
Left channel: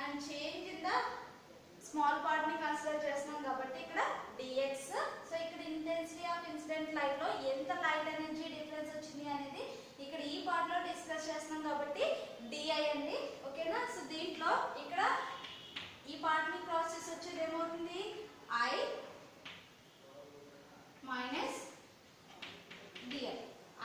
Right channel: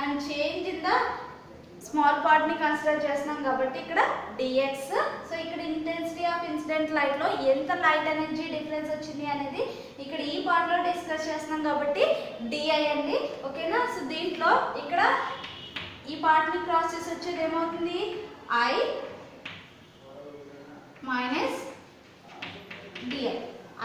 and change in the small పార్ట్ని కన్సిడర్ చేస్తున్నాం కాబట్టి ఇక్కడ dx. సో ఇక్కడ ఇంటెన్సిటీ ఆఫ్ ఇన్సిడెంట్ లైట్లో ఎంత లైట్ ఎనర్జీ డిఫరెన్స్ వచ్చింది అనేది ఇక్కడ ఈ పార్ట్లో డిస్కస్ చేస్తున్నాం కాబట్టి di అండి. ఓకేనా? సో దీంట్లో ఇక్కడ ఈ పార్ట్ని క్రాస్ చేసి వచ్చేది ఏమవుతుంది, I minus DI,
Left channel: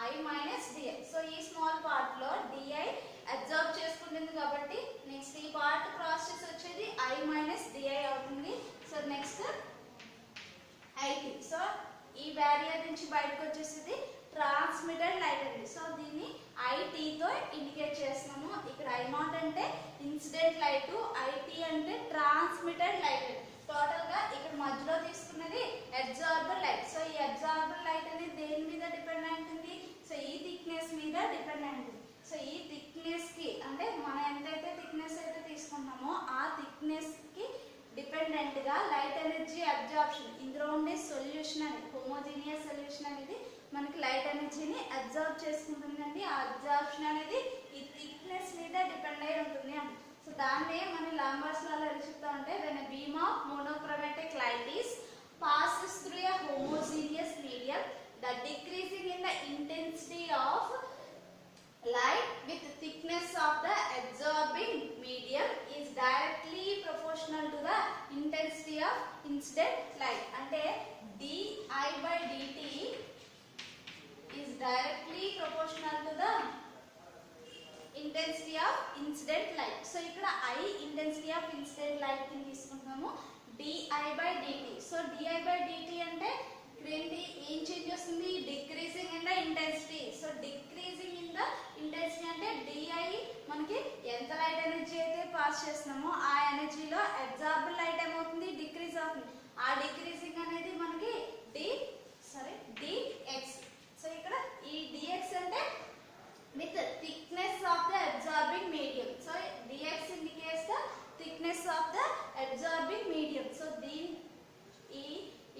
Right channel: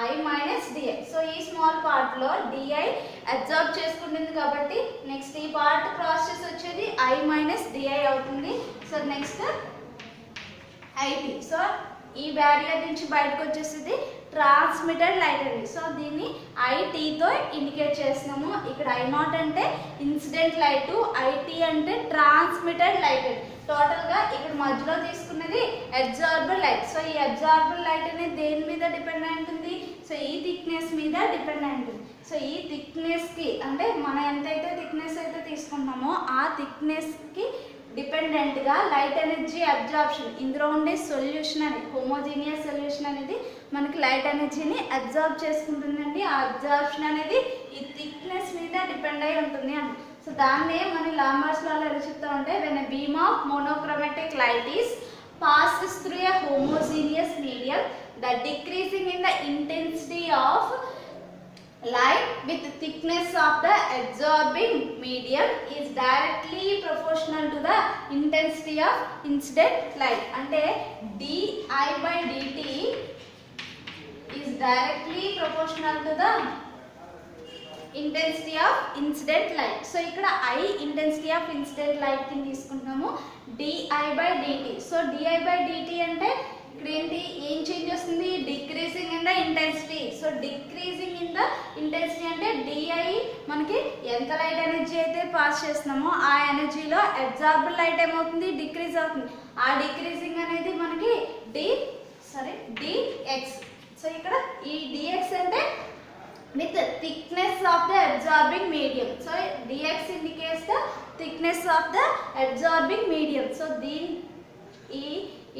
I minus DI. So ఈ స్మాల్ పార్ట్లో డిఐ అబ్జర్బ్ చేసుకుంటుంది కాబట్టి నెక్స్ట్ ఈ పార్ట్ క్రాస్ చేసి వచ్చేది ఐ మైనస్ డిఐ అవుతుంది. So next IT. సో ఈ బ్యారియర్ నుంచి బయటకు వచ్చేసింది ట్రాన్స్మిటెడ్ లైట్ అండి. సో దీన్ని ఐటీతో ఇండికేట్ చేస్తున్నాము. ఇక్కడ ఐ నాట్ అంటే ఇన్సిడెంట్ లైట్, ఐటీ అంటే ట్రాన్స్మిటెడ్ లైట్ అండి. టోటల్గా ఇక్కడ మధ్యలో తీసుకున్నది అబ్జార్బర్ లైట్. సో ఈ అబ్జార్బర్ లైట్ అనేది దేని మీద డిపెండ్ అయి ఉంటుంది? సో ఈ థిక్నెస్ మీద డిపెండ్ అయి ఉంటుంది. సో ఈ థిక్నెస్కి అంటే మనం ఎంతైతే థిక్నెస్ అయితే తీసుకుంటామో ఆ థిక్నెస్కి డిపెండెంట్గా లైట్ ఎనర్జీ అబ్జార్ప్షన్, ఇందులో ఉండే సొల్యూషన్ అనేది హోమోజీనియస్ సొల్యూషన్ అనేది మనకి లైట్ ఎనర్జీని అబ్జార్బ్ చేసుకుంటుందండి. ఆ అబ్జార్ప్షన్ అనేది ఈ థిక్నెస్ మీద డిపెండ్ అయి ఉంటుంది అని. సో దాన్నే మన లాంబర్ట్స్ లాలో ఎలా చెప్తా ఉంటే when a beam of monochromatic light is passes through a homogeneous medium, the decreasing in the intensity of light with thickness of the absorbing medium is directly proportional to the intensity of incident light. Ante di by dt is directly proportional to the intensity of incident light. So ikkada I intensity of incident light ని తీసుకుంటాము, di by dt. So di by dt అంటే ఇక్కడ ఏంటి, ఏం change వస్తుంది? Decreasing in the intensity. So decreasing in the intensity అంటే di మనకి ఎంత లైట్ ఎనర్జీ అయితే పాస్ చేస్తున్నామో ఆ ఎనర్జీలో అబ్జార్బుల్ లైట్ ఏమవుతుంది? డిక్రీజ్ అవుతుంది. ఆ డిక్రీజింగ్ అనేది మనకి dx. సో ఇక్కడ ఈ dx అంటే with the thickness of the absorbing medium. So dx indicates the thickness of the absorbing medium. So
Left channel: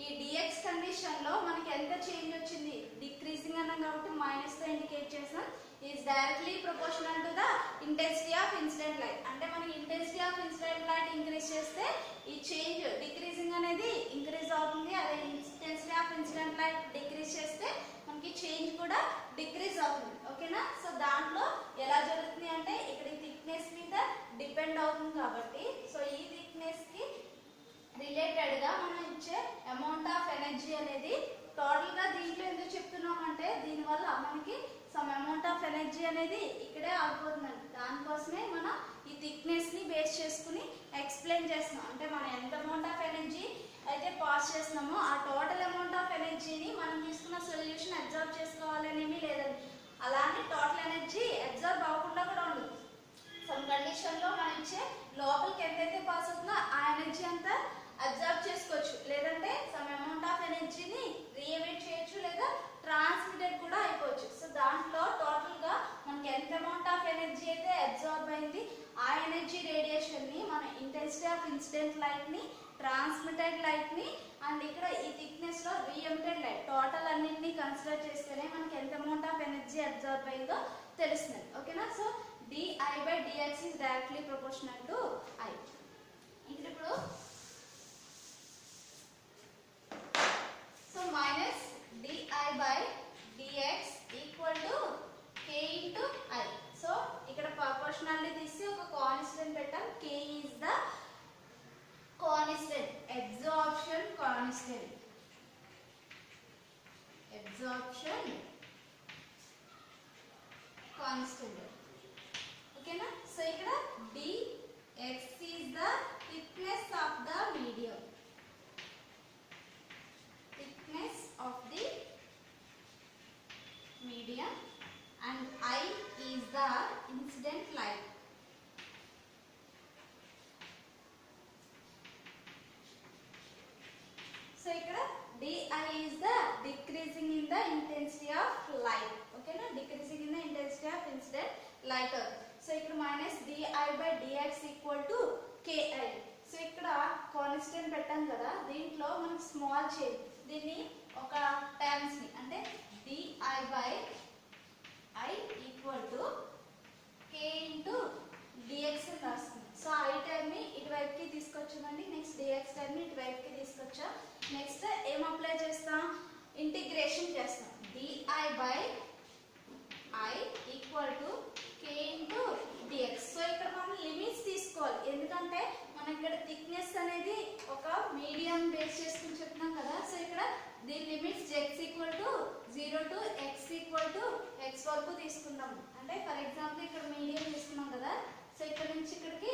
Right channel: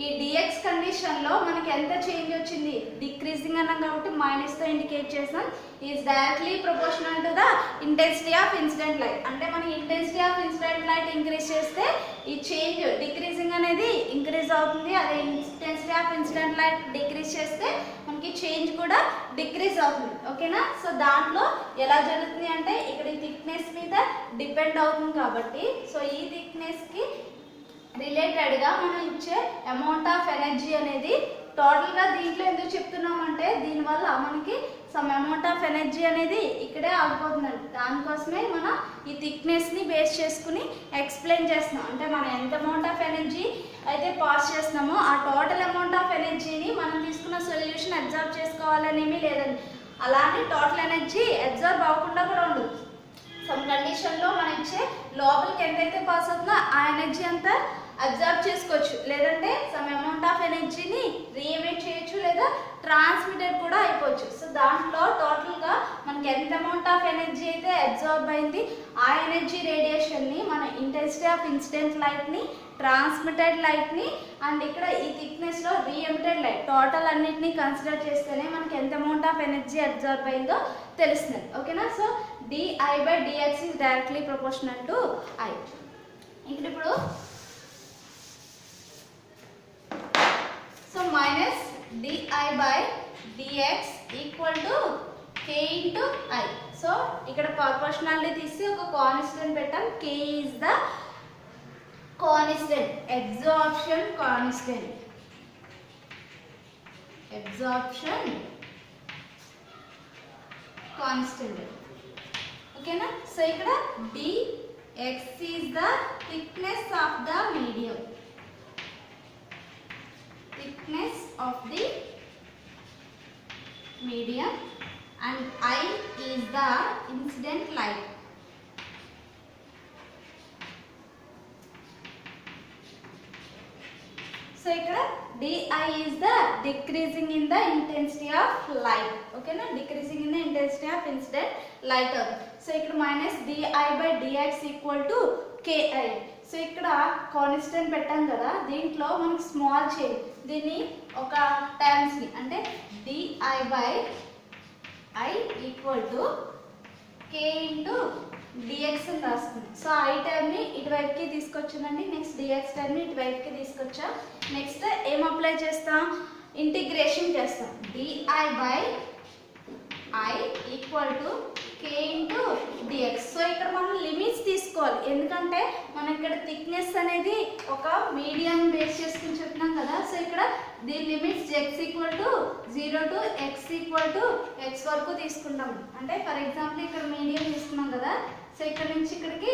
ఈ dx కండిషన్ లో మనకి ఎంత చేంజ్ వచ్చింది? డిక్రీజింగ్ అన్నాం కాబట్టి మైనస్ తో ఇండికేట్ చేసాం. Is directly proportional to the intensity of incident light. అంటే మనకి intensity of incident light increase చేస్తే ఈ చేంజ్ డిక్రీజింగ్ అనేది ఇంక్రీజ్ అవుతుంది. అదే intensity of incident light decrease చేస్తే మనకి చేంజ్ కూడా డిక్రీజ్ అవుతుంది. ఓకేనా? సో దాంట్లో ఎలా జరుగుతుంది అంటే ఇక్కడ ఈ థిక్నెస్ మీద డిపెండ్ అవుతుంది కాబట్టి సో ఈ థిక్నెస్ కి రిలేటెడ్గా మనం ఇచ్చే అమౌంట్ ఆఫ్ ఎనర్జీ అనేది టోటల్గా దీంట్లో ఎందుకు చెప్తున్నామంటే దీనివల్ల మనకి సమ్ అమౌంట్ ఆఫ్ ఎనర్జీ అనేది ఇక్కడే ఆగిపోతుందండి. దానికోసమే మనం ఈ థిక్నెస్ని బేస్ చేసుకుని ఎక్స్ప్లెయిన్ చేస్తున్నాం. అంటే మనం ఎంత అమౌంట్ ఆఫ్ ఎనర్జీ అయితే పాస్ చేస్తున్నామో ఆ టోటల్ అమౌంట్ ఆఫ్ ఎనర్జీని మనం తీసుకున్న సొల్యూషన్ అబ్జర్వ్ చేసుకోవాలనేమీ లేదండి. అలానే టోటల్ ఎనర్జీ అబ్జర్వ్ అవ్వకుండా కూడా ఉండదు. సమ్ కండిషన్లో మనం ఇచ్చే లోపలికి ఎంతైతే పాస్ అవుతుందో ఆ ఎనర్జీ అంతా అబ్జర్వ్ చేసుకోవచ్చు, లేదంటే సమ్ అమౌంట్ ఆఫ్ ఎనర్జీని రీఎమిట్ చేయొచ్చు లేదా ట్రాన్స్మిటెడ్ కూడా అయిపోవచ్చు. సో దాంట్లో టోటల్గా మనకి ఎంత అమౌంట్ ఆఫ్ ఎనర్జీ అయితే అబ్జర్వ్ అయింది ఆ ఎనర్జీ రేడియేషన్ని మన ఇంటెన్సిటీ ఆఫ్ ఇన్సిడెంట్ లైట్ని, ట్రాన్స్మిటెడ్ లైట్ని అండ్ ఇక్కడ ఈ థిక్నెస్లో రీఎమిటెడ్ లైట్ టోటల్ అన్నిటినీ కన్సిడర్ చేస్తేనే మనకి ఎంత అమౌంట్ ఆఫ్ ఎనర్జీ అబ్జర్వ్ అయిందో తెలుస్తుంది. ఓకేనా? So di by dx is directly proportional to I. ఇప్పుడు so minus di by dx equal to k into I. So ఇక్కడ ప్రపోర్షనాలిటీ తీసి ఒక కాన్స్టెంట్ పెట్టాం. k is the constant, absorption constant, ఓకేనా? So ఇక్కడ dx is the thickness of the medium, and I is the incident light. So ఇక్కడ di is the decreasing in the intensity of light. ఓకేనా? decreasing in the intensity of incident light. So ఇక్కడ minus di by dx equal to ki. So ఇక్కడ constant పెట్టాం కదా, దీంట్లో మనకి small change, దీన్ని ఒక టర్మ్స్ని అంటే di by I equal to k into dx అని రాస్తుంది. సో I టర్మ్ని ఇటువైపుకి తీసుకొచ్చానండి, నెక్స్ట్ dx టర్మ్ని ఇటువైపుకి తీసుకొచ్చా. నెక్స్ట్ ఏం అప్లై చేస్తాం? ఇంటిగ్రేషన్ చేస్తాం. di by I equal to k into D X. So ఇక్కడ మనం లిమిట్స్ తీసుకోవాలి, ఎందుకంటే మనం ఇక్కడ థిక్నెస్ అనేది ఒక మీడియం బేస్ చేసుకుని చెప్తున్నాం కదా. సో ఇక్కడ దీని limits x equal to 0 to x equal to x వరకు తీసుకుంటాం. అంటే ఫర్ ఎగ్జాంపుల్ ఇక్కడ మీడియం తీసుకున్నాం కదా. సో ఇక్కడ నుంచి ఇక్కడికి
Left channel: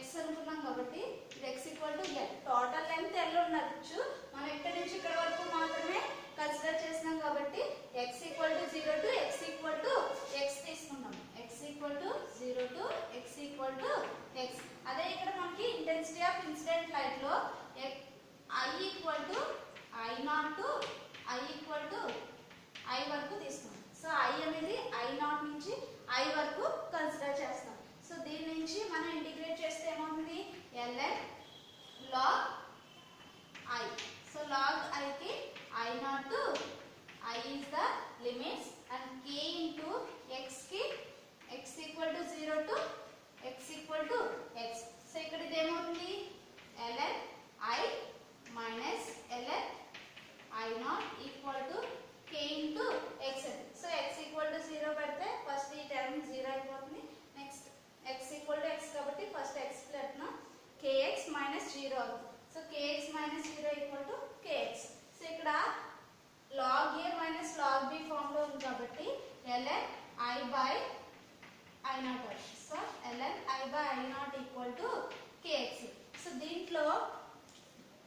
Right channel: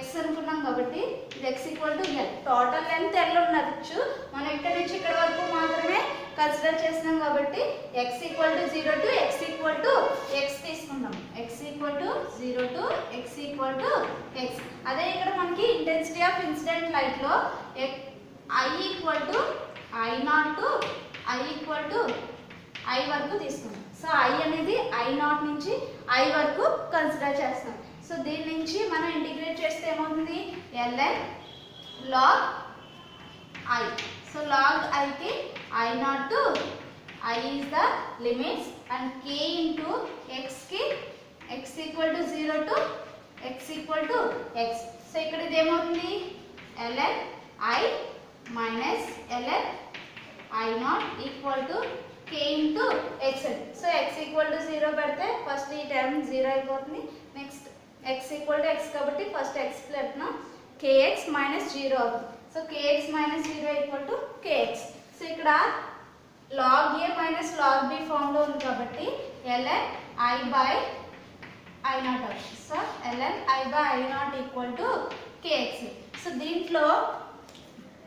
x అనుకున్నాం కాబట్టి ఇది x equal to l. Total length l ఉండొచ్చు, మనం ఇక్కడ నుంచి ఇక్కడ వరకు మాత్రమే కన్సిడర్ చేస్తున్నాం కాబట్టి x equal to 0 to x equal to x తీసుకుంటాం. x equal to 0 to x equal to x. అదే ఇక్కడ మనకి ఇంటెన్సిటీ ఆఫ్ ఇన్సిడెంట్ లైట్ లో I equal to I0 to I equal to I వరకు తీసుకుంటాం. సో I అనేది I0 నుంచి I వరకు కన్సిడర్ చేస్తాం. సో దీని నుంచి మనం ఇంటిగ్రేట్ చేస్తే ఏమవుతుంది, ln log I. So log I కి I0 to I is the limits and k into x కి x equal to 0 to x equal to x. So ఇక్కడ ఇది ఏమవుతుంది, ln I minus ln I0 equal to k into x. So x equal to 0 పెడితే first ఈ term 0 అయిపోతుంది. Next x equal to x కాబట్టి first x పెడుతున్నాం, kx minus 0 అవుతుంది. So kx minus 0 equal to kx. So ఇక్కడ log a minus log b form లో ఉంది కాబట్టి ln I by I0 అవుతుంది. So ln I by I0 equal to kx. So దీంట్లో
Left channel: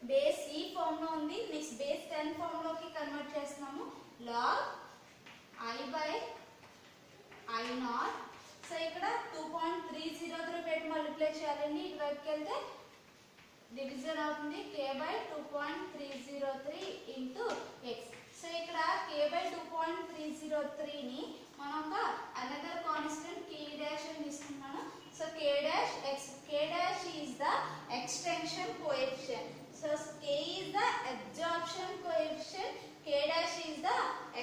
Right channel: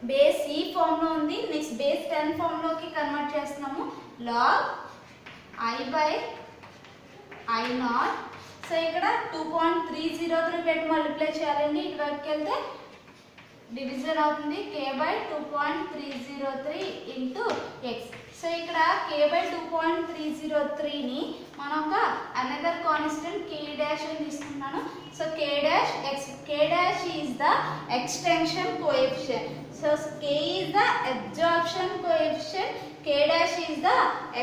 base ఈ form లో ఉంది, నెక్స్ట్ బేస్ 10 ఫామ్ లోకి కన్వర్ట్ చేస్తున్నాము. log I by I0. So ఇక్కడ 2.303 పెట్టి మల్టిప్లై చేయాలండి, ఇటువైపుకి వెళ్తే డివిజన్ అవుతుంది, k by 2.303 into x. So ఇక్కడ k by 2.303ని మనం ఒక అనదర్ కాన్స్టెంట్ k డాష్ అని తీసుకున్నాను. So k dash x, k dash is the extension coefficient. So k is the absorption coefficient, k dash is the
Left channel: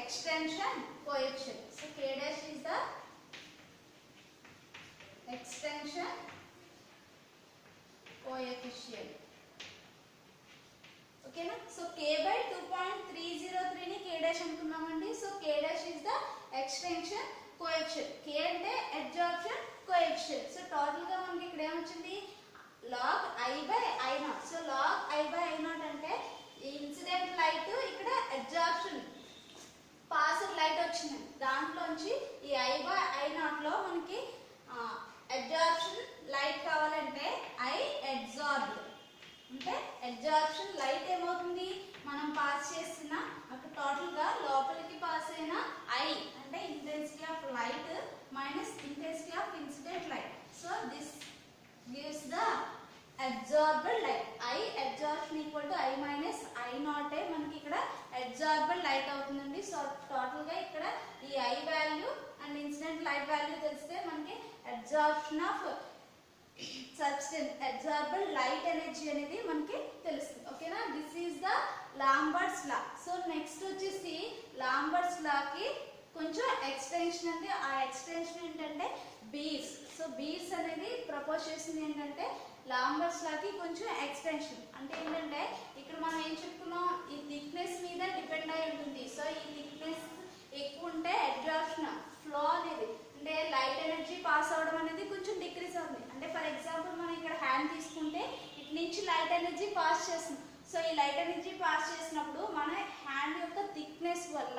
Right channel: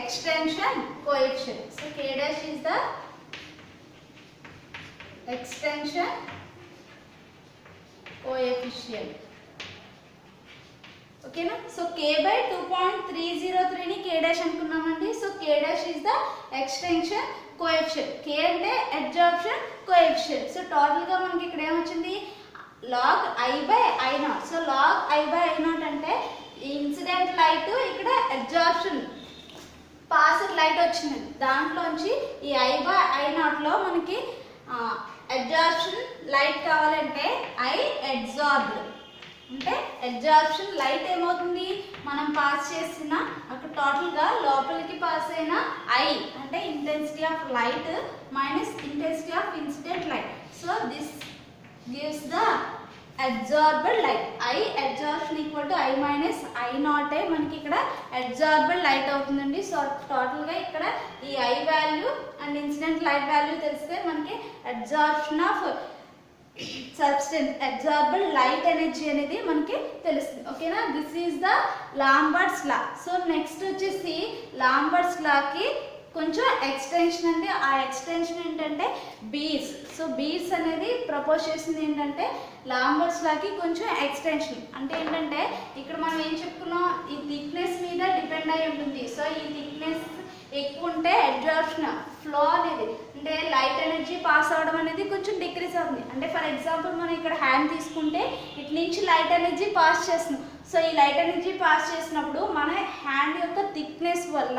extension coefficient. So k dash is the extension coefficient. ఓకేనా. So k by 2.303ని k dash అనుకున్నామండి. So k dash is the extension coefficient, k అంటే absorption coefficient. So total గా మనకి ఇక్కడ ఏమొచ్చింది, log I by I0. So log I by I0 అంటే incident light ఇక్కడ అబ్జార్ప్షన్ పాస్డ్ లైట్ వచ్చింది, దాంట్లోంచి ఈ I by I0 లో మనకి అబ్జార్ప్షన్ లైట్ కావాలంటే I అబ్జార్బ్డ్ అంటే అబ్జార్ప్షన్ లైట్ ఏమవుతుంది, మనం పాస్ చేసిన అక్కడ టోటల్గా లోపలికి పాస్ అయిన I అంటే intensity of light minus intensity of incident light. So this gives the absorbed light. I absorption equal to I minus I0 మనకి ఇక్కడ అబ్జార్బ్డ్ లైట్ అవుతుందండి. సో టోటల్గా ఇక్కడ ఈ I value and incident light value తెలిస్తే మనకి absorption of substance absorbed light energy అనేది మనకి తెలుస్తుంది. ఓకేనా. This is the Lambert's law. So next వచ్చేసి లాంబర్ట్స్ లాకి కొంచెం ఎక్స్టెన్షన్ అండి. ఆ ఎక్స్టెన్షన్ ఏంటంటే బీర్స్. సో బీర్స్ అనేది ప్రపోజ్ చేసింది ఏంటంటే లాంబర్ట్స్ లాకి కొంచెం ఎక్స్టెన్షన్ అంటే ఏంటంటే ఇక్కడ మనం ఏం చెప్పుకున్నాం, ఈ థిక్నెస్ మీద డిపెండ్ అయి ఉంటుంది. సో ఈ థిక్నెస్ ఎక్కువ ఉంటే అబ్జార్ప్షన్ ఫ్లో అనేది అంటే లైట్ ఎనర్జీ పాస్ అవ్వడం అనేది కొంచెం డిక్రీస్ అవుతుంది. అంటే ఫర్ ఎగ్జాంపుల్ మనం ఇక్కడ హ్యాండ్ తీసుకుంటే ఇటు నుంచి లైట్ ఎనర్జీ పాస్ చేస్తున్నాం. సో ఈ లైట్ ఎనర్జీ పాస్ చేసినప్పుడు మన హ్యాండ్ యొక్క థిక్నెస్ వల్ల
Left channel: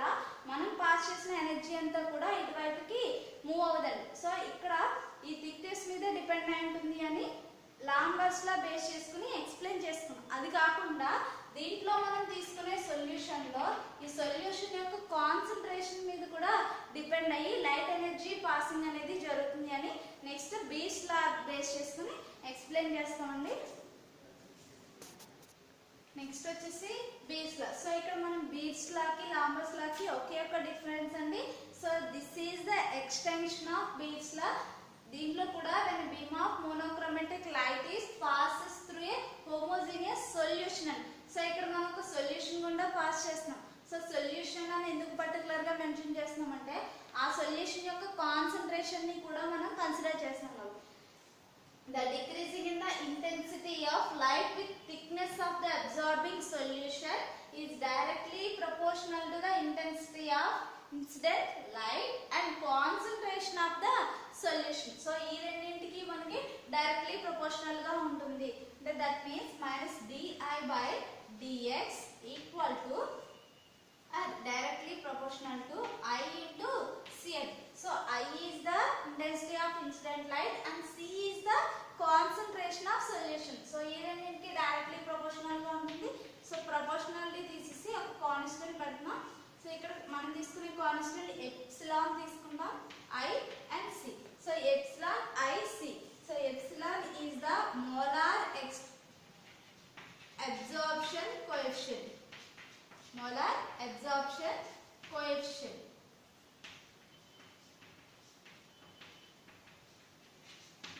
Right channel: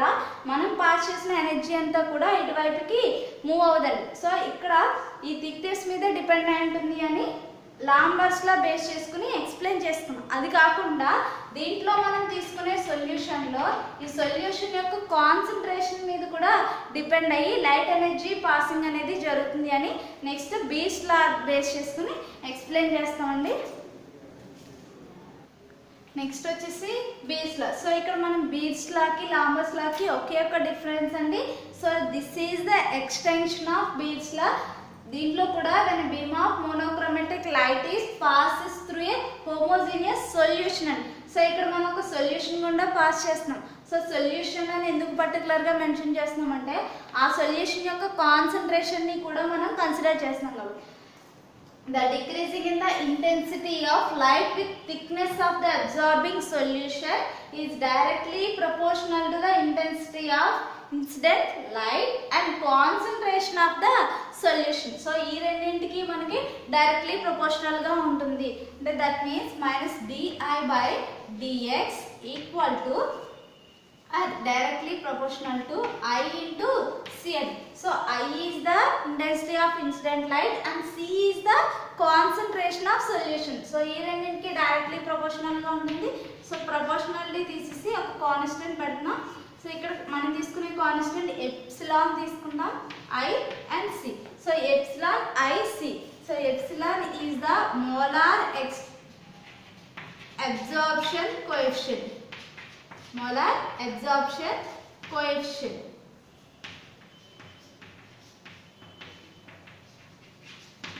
మనం పాస్ చేసిన ఎనర్జీ అంతా కూడా ఇటువైపుకి మూవ్ అవ్వదండి. సో ఇక్కడ ఈ థిక్నెస్ మీద డిపెండ్ అయి ఉంటుంది అని లాంబర్ట్స్ లా బేస్ చేసుకుని ఎక్స్ప్లెయిన్ చేస్తున్నాం. అది కాకుండా దీంట్లో మనం తీసుకునే సొల్యూషన్లో ఈ సొల్యూషన్ యొక్క కాన్సన్ట్రేషన్ మీద కూడా డిపెండ్ అయ్యి లైట్ ఎనర్జీ పాసింగ్ అనేది జరుగుతుంది అని నెక్స్ట్ బీర్స్ లా బేస్ చేసుకుని ఎక్స్ప్లెయిన్ చేస్తామండి. నెక్స్ట్ వచ్చేసి బీర్స్ లా. సో ఇక్కడ మనం బీర్స్ లాకి లాంబర్ట్స్ లాకి ఒకే ఒక డిఫరెన్స్ అండి. So this is the extension of Beer's law. దీంట్లో కూడా when a beam of monochromatic light is passes through a homogeneous solution అని. సో ఇక్కడ మనం ఒక సొల్యూషన్ గుండా పాస్ చేస్తున్నాం. సో సొల్యూషన్ అని ఎందుకు పర్టికులర్గా మెన్షన్ చేస్తున్నాం అంటే ఆ సొల్యూషన్ యొక్క కాన్సన్ట్రేషన్ని కూడా మనం కన్సిడర్ చేస్తున్నాం కాబట్టి the decreasing in the intensity of light with thickness of the absorbing solution is directly proportional to the intensity of incident light and concentration of the solution. So ఈ రెండింటికి మనకి డైరెక్ట్లీ ప్రపోర్షనల్ గా ఉంటుంది. అంటే that means minus D I by D X equal to directly proportional to I into Cn. So I is the intensity of incident light and C is the concentration of solution. So ఈ రెండింటికి directly proportional గా ఉంటుంది. So proportionality తీసేసి ఒక constant పెడుతున్నాం. So ఇక్కడ మనం తీసుకునే కాన్స్టెంట్ ఎప్సిలాన్ తీసుకుందాం, I and C. So epsilon IC. So epsilon is the molar absorption coefficient. Molar absorption coefficient.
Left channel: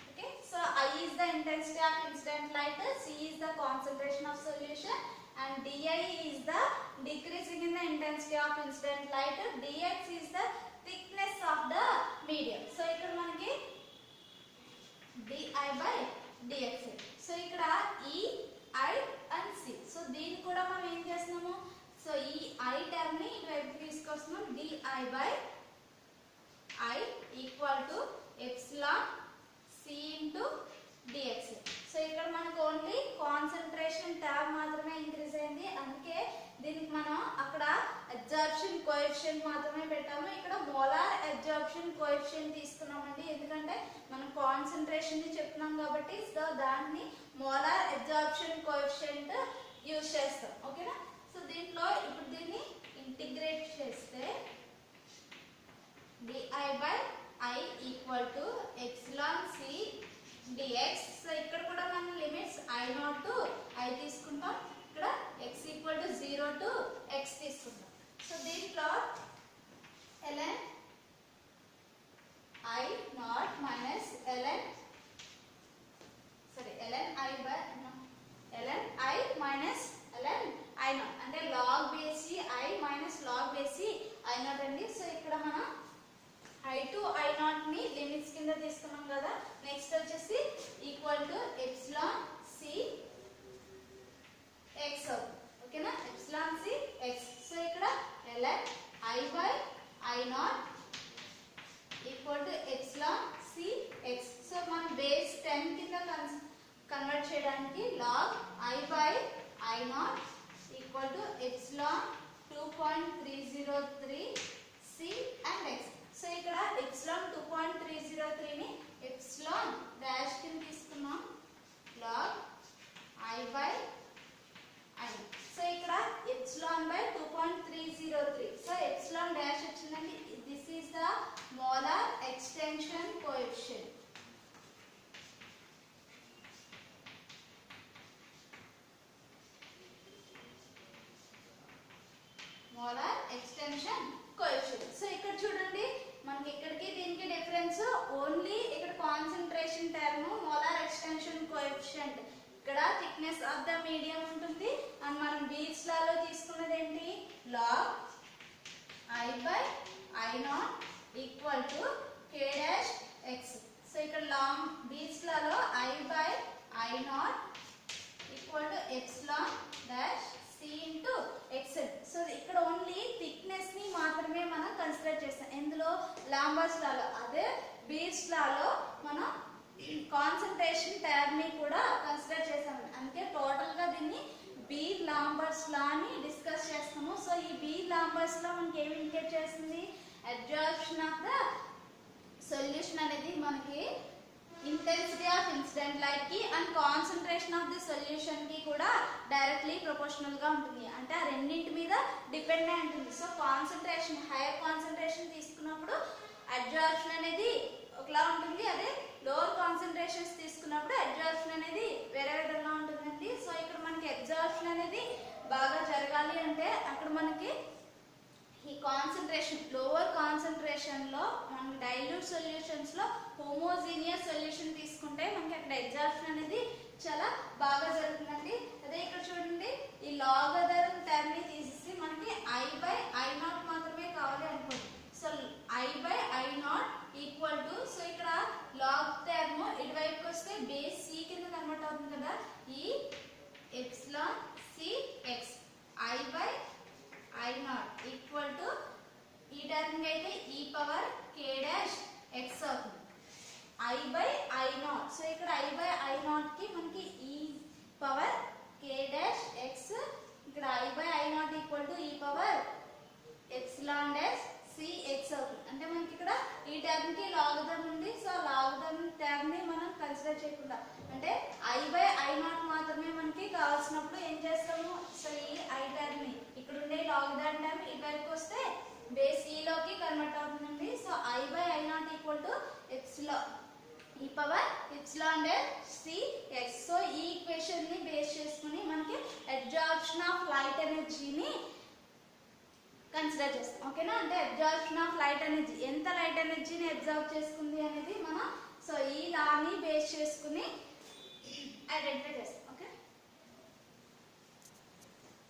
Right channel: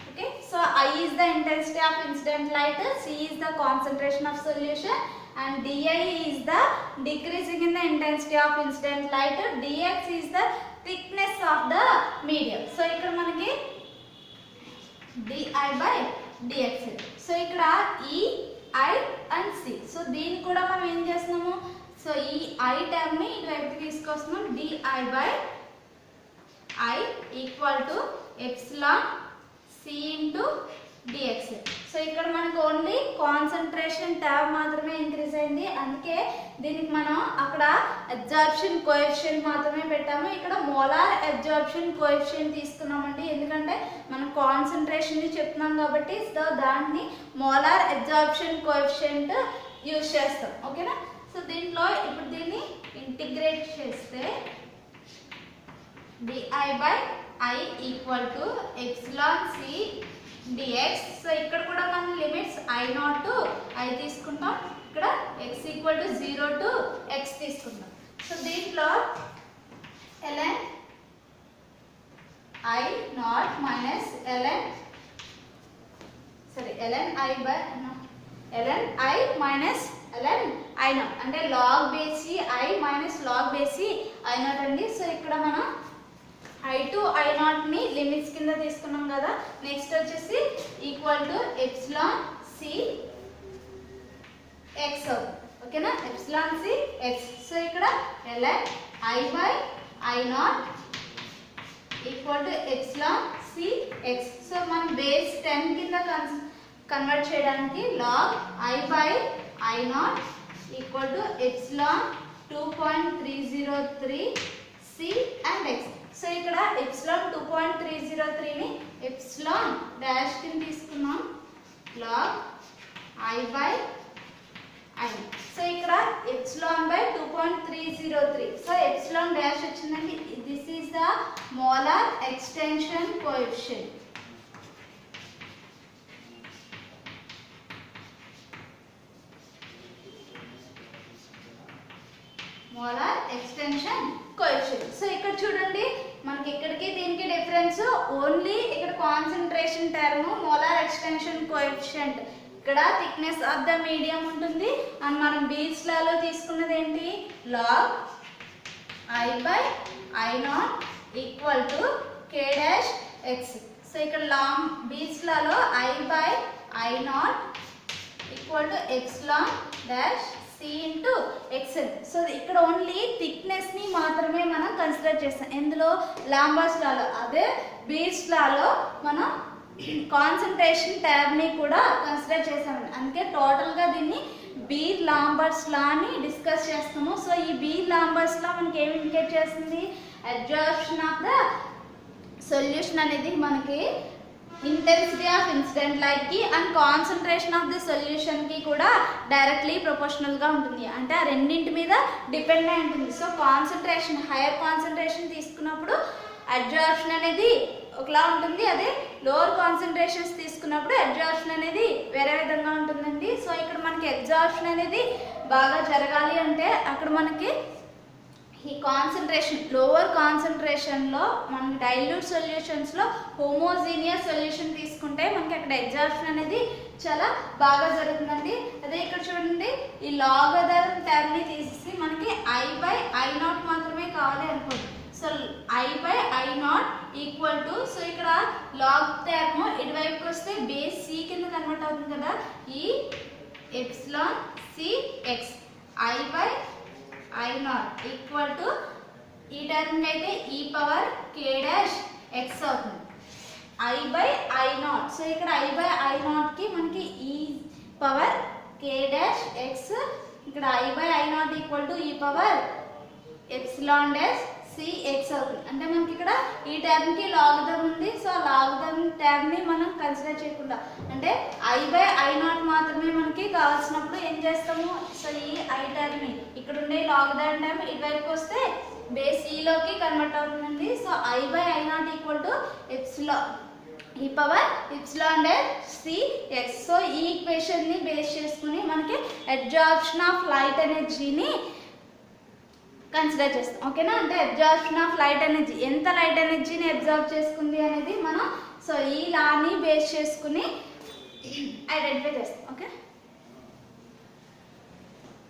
Okay, so I is the intensity of incident light, C is the concentration of solution, and Di is the decreasing in the intensity of incident light, Dx is the thickness of the medium. So ఇక్కడ మనకి Di by dx. So ఇక్కడ E, I and C. So దీన్ని కూడా మనం ఏం చేస్తున్నాము, so ఈ I term ని ఇటువైపుకి తీసుకొస్తున్నాం. DI by I equal to epsilon C into dx. So ఇక్కడ మనకు ఓన్లీ కాన్సన్ట్రేషన్ ట్యాబ్ మాత్రమే ఇంక్రీజ్ అయింది, అందుకే దీనికి మనం అక్కడ అబ్జార్ప్షన్ కోఎఫిషియంట్ మాత్రమే పెట్టాము. ఇక్కడ మోలార్ అబ్జార్ప్షన్ కోఎఫిషియంట్ తీసుకున్నామండి, ఎందుకంటే మనం కాన్సన్ట్రేషన్ ని చెప్తున్నాం కాబట్టి. సో దాన్ని మోలార్ అబ్జార్ప్షన్ కోఎఫిషియంట్ యూజ్ చేస్తాం. ఓకేనా. సో దీంట్లో ఇప్పుడు దీన్ని ఇంటిగ్రేట్ చేస్తే DI by I equal to epsilon C dx. So ఇక్కడ కూడా మనం లిమిట్స్ I0 టు I తీసుకుంటాం, ఇక్కడ x equal to 0 to x తీసుకుంటాం. సో దీంట్లో ln I0 minus ln I minus ln I0 అంటే log base I minus log base I0 అండి. So ఇక్కడ మనం I2 I0 ని లిమిట్స్ కింద తీసుకున్నాం కదా. నెక్స్ట్ వచ్చేసి equal to epsilon C x అవుతుంది. ఓకేనా, ఎప్సిలాన్ C x. సో ఇక్కడ ln I by I0 equal to epsilon C x. So మనం బేస్ 10 కింద కన్వర్ట్ చేయడానికి log I by I0 equal to epsilon 2.303 C and x. So ఇక్కడ epsilon 2.303 ని epsilon dash కింద తీసుకున్నాం, log I by I. So ఇక్కడ epsilon by 2.303. So epsilon dash వచ్చిందండి. This is the molar extension coefficient. Molar extension coefficient. So ఇక్కడ చూడండి మనకి ఇక్కడికి దీనికి డిఫరెన్స్ ఓన్లీ ఇక్కడ concentration term molar extension coefficient. ఇక్కడ థిక్నెస్ ఆఫ్ ద మీడియం ఉంటుంది. అండ్ మనం బీచ్ లాలో తీసుకున్నది ఏంటి, log I by I0 equal to k dash x. So ఇక్కడ లాంగ్ బీచ్ లాలో I by I0 equal to epsilon dash C into XL. So ఇక్కడ ఓన్లీ థిక్నెస్ ని మాత్రమే మనం కన్సిడర్ చేస్తాం, ఎందులో లాంబర్స్ లాలో. అదే బీచ్ లాలో మనం కాన్సంట్రేషన్ ట్యాబ్ ని కూడా కన్సిడర్ చేసాము. అందుకే టోటల్ గా దీన్ని బీర్ లాంబర్స్ లా అని డిస్కస్ చేస్తాము. సో ఈ బీర్ లాంబర్స్ లా మనకి ఏమి ఇండికేట్ చేస్తుంది, అబ్జార్ప్షన్ ఆఫ్ ద సొల్యూషన్ అనేది మనకి ఇంటెన్సిటీ ఆఫ్ ఇన్సిడెంట్ లైట్ కి and concentration of the solution కి కూడా డైరెక్ట్లీ ప్రపోర్షనల్ గా ఉంటుంది. అంటే ఆ రెండింటి మీద డిపెండ్ అయి ఉంటుంది. సో కాన్సంట్రేషన్ హైయర్ కాన్సంట్రేషన్ తీసుకున్నప్పుడు అబ్జార్ప్షన్ అనేది ఒకలా ఉంటుంది, అదే లోవర్ కాన్సంట్రేషన్స్ తీసుకున్నప్పుడు అబ్జార్ప్షన్ అనేది వేరే విధంగా ఉంటుందండి. సో ఇక్కడ మనకి అబ్జార్ప్షన్ అనేది బాగా జరగాలి అంటే అక్కడ మనకి ఈ కాన్సంట్రేషన్ లోవర్ కాన్సంట్రేషన్లో మనకి డైల్యూట్ సొల్యూషన్స్లో హోమోజీనియస్ సొల్యూషన్ తీసుకుంటే మనకి అక్కడ అబ్జార్ప్షన్ అనేది చాలా బాగా జరుగుతుందండి. అదే ఇక్కడ చూడండి ఈ లాగరిథం టర్మ్ని తీసేసి మనకి I by I0 మాత్రమే కావాలి అనుకోండి. So I by I0 equal to, so ఇక్కడ లాగ్ టర్మ్ ఇటువైపుకి వస్తే బేస్ C కింద కన్వర్ట్ అవుతుంది కదా, ఈ epsilon C x. I by I0 equal to ఈ టర్మ్కి అయితే e power k dash x అవుతుంది i by i not. So ఇక్కడ i బై i నాట్కి మనకి e power k dash x, ఇక్కడ i by i not equal to e power epsilon dash cx అవుతుంది. అంటే మనకి ఇక్కడ ఈ టర్మ్కి లాగరిథం ఉంది. సో లాగరిథం టర్మ్ని మనం కన్సిడర్ చేయకుండా అంటే i బై i నాట్ మాత్రమే మనకి కావాల్సినప్పుడు ఏం చేస్తాము, సో ఈ i టర్మ్ని ఇక్కడ ఉండే లాగరిథం టర్మ్ ఇటువైపు వస్తే బేస్ ఈలోకి కన్వర్ట్ అవుతుందండి. So i by i not equal to epsilon ఈ power epsilon dash cx. So ఈ ఈక్వేషన్ని బేస్ చేసుకుని మనకి అబ్జార్ప్షన్ ఆఫ్ లైట్ ఎనర్జీని కన్సిడర్ చేస్తాం. ఓకేనా, అంటే అబ్జార్ప్షన్ ఆఫ్ లైట్ ఎనర్జీ, ఎంత లైట్ ఎనర్జీని అబ్జార్బ్ చేసుకుంది అనేది మనం సో ఈ లాని బేస్ చేసుకుని ఐడెంటిఫై చేస్తాం. ఓకే.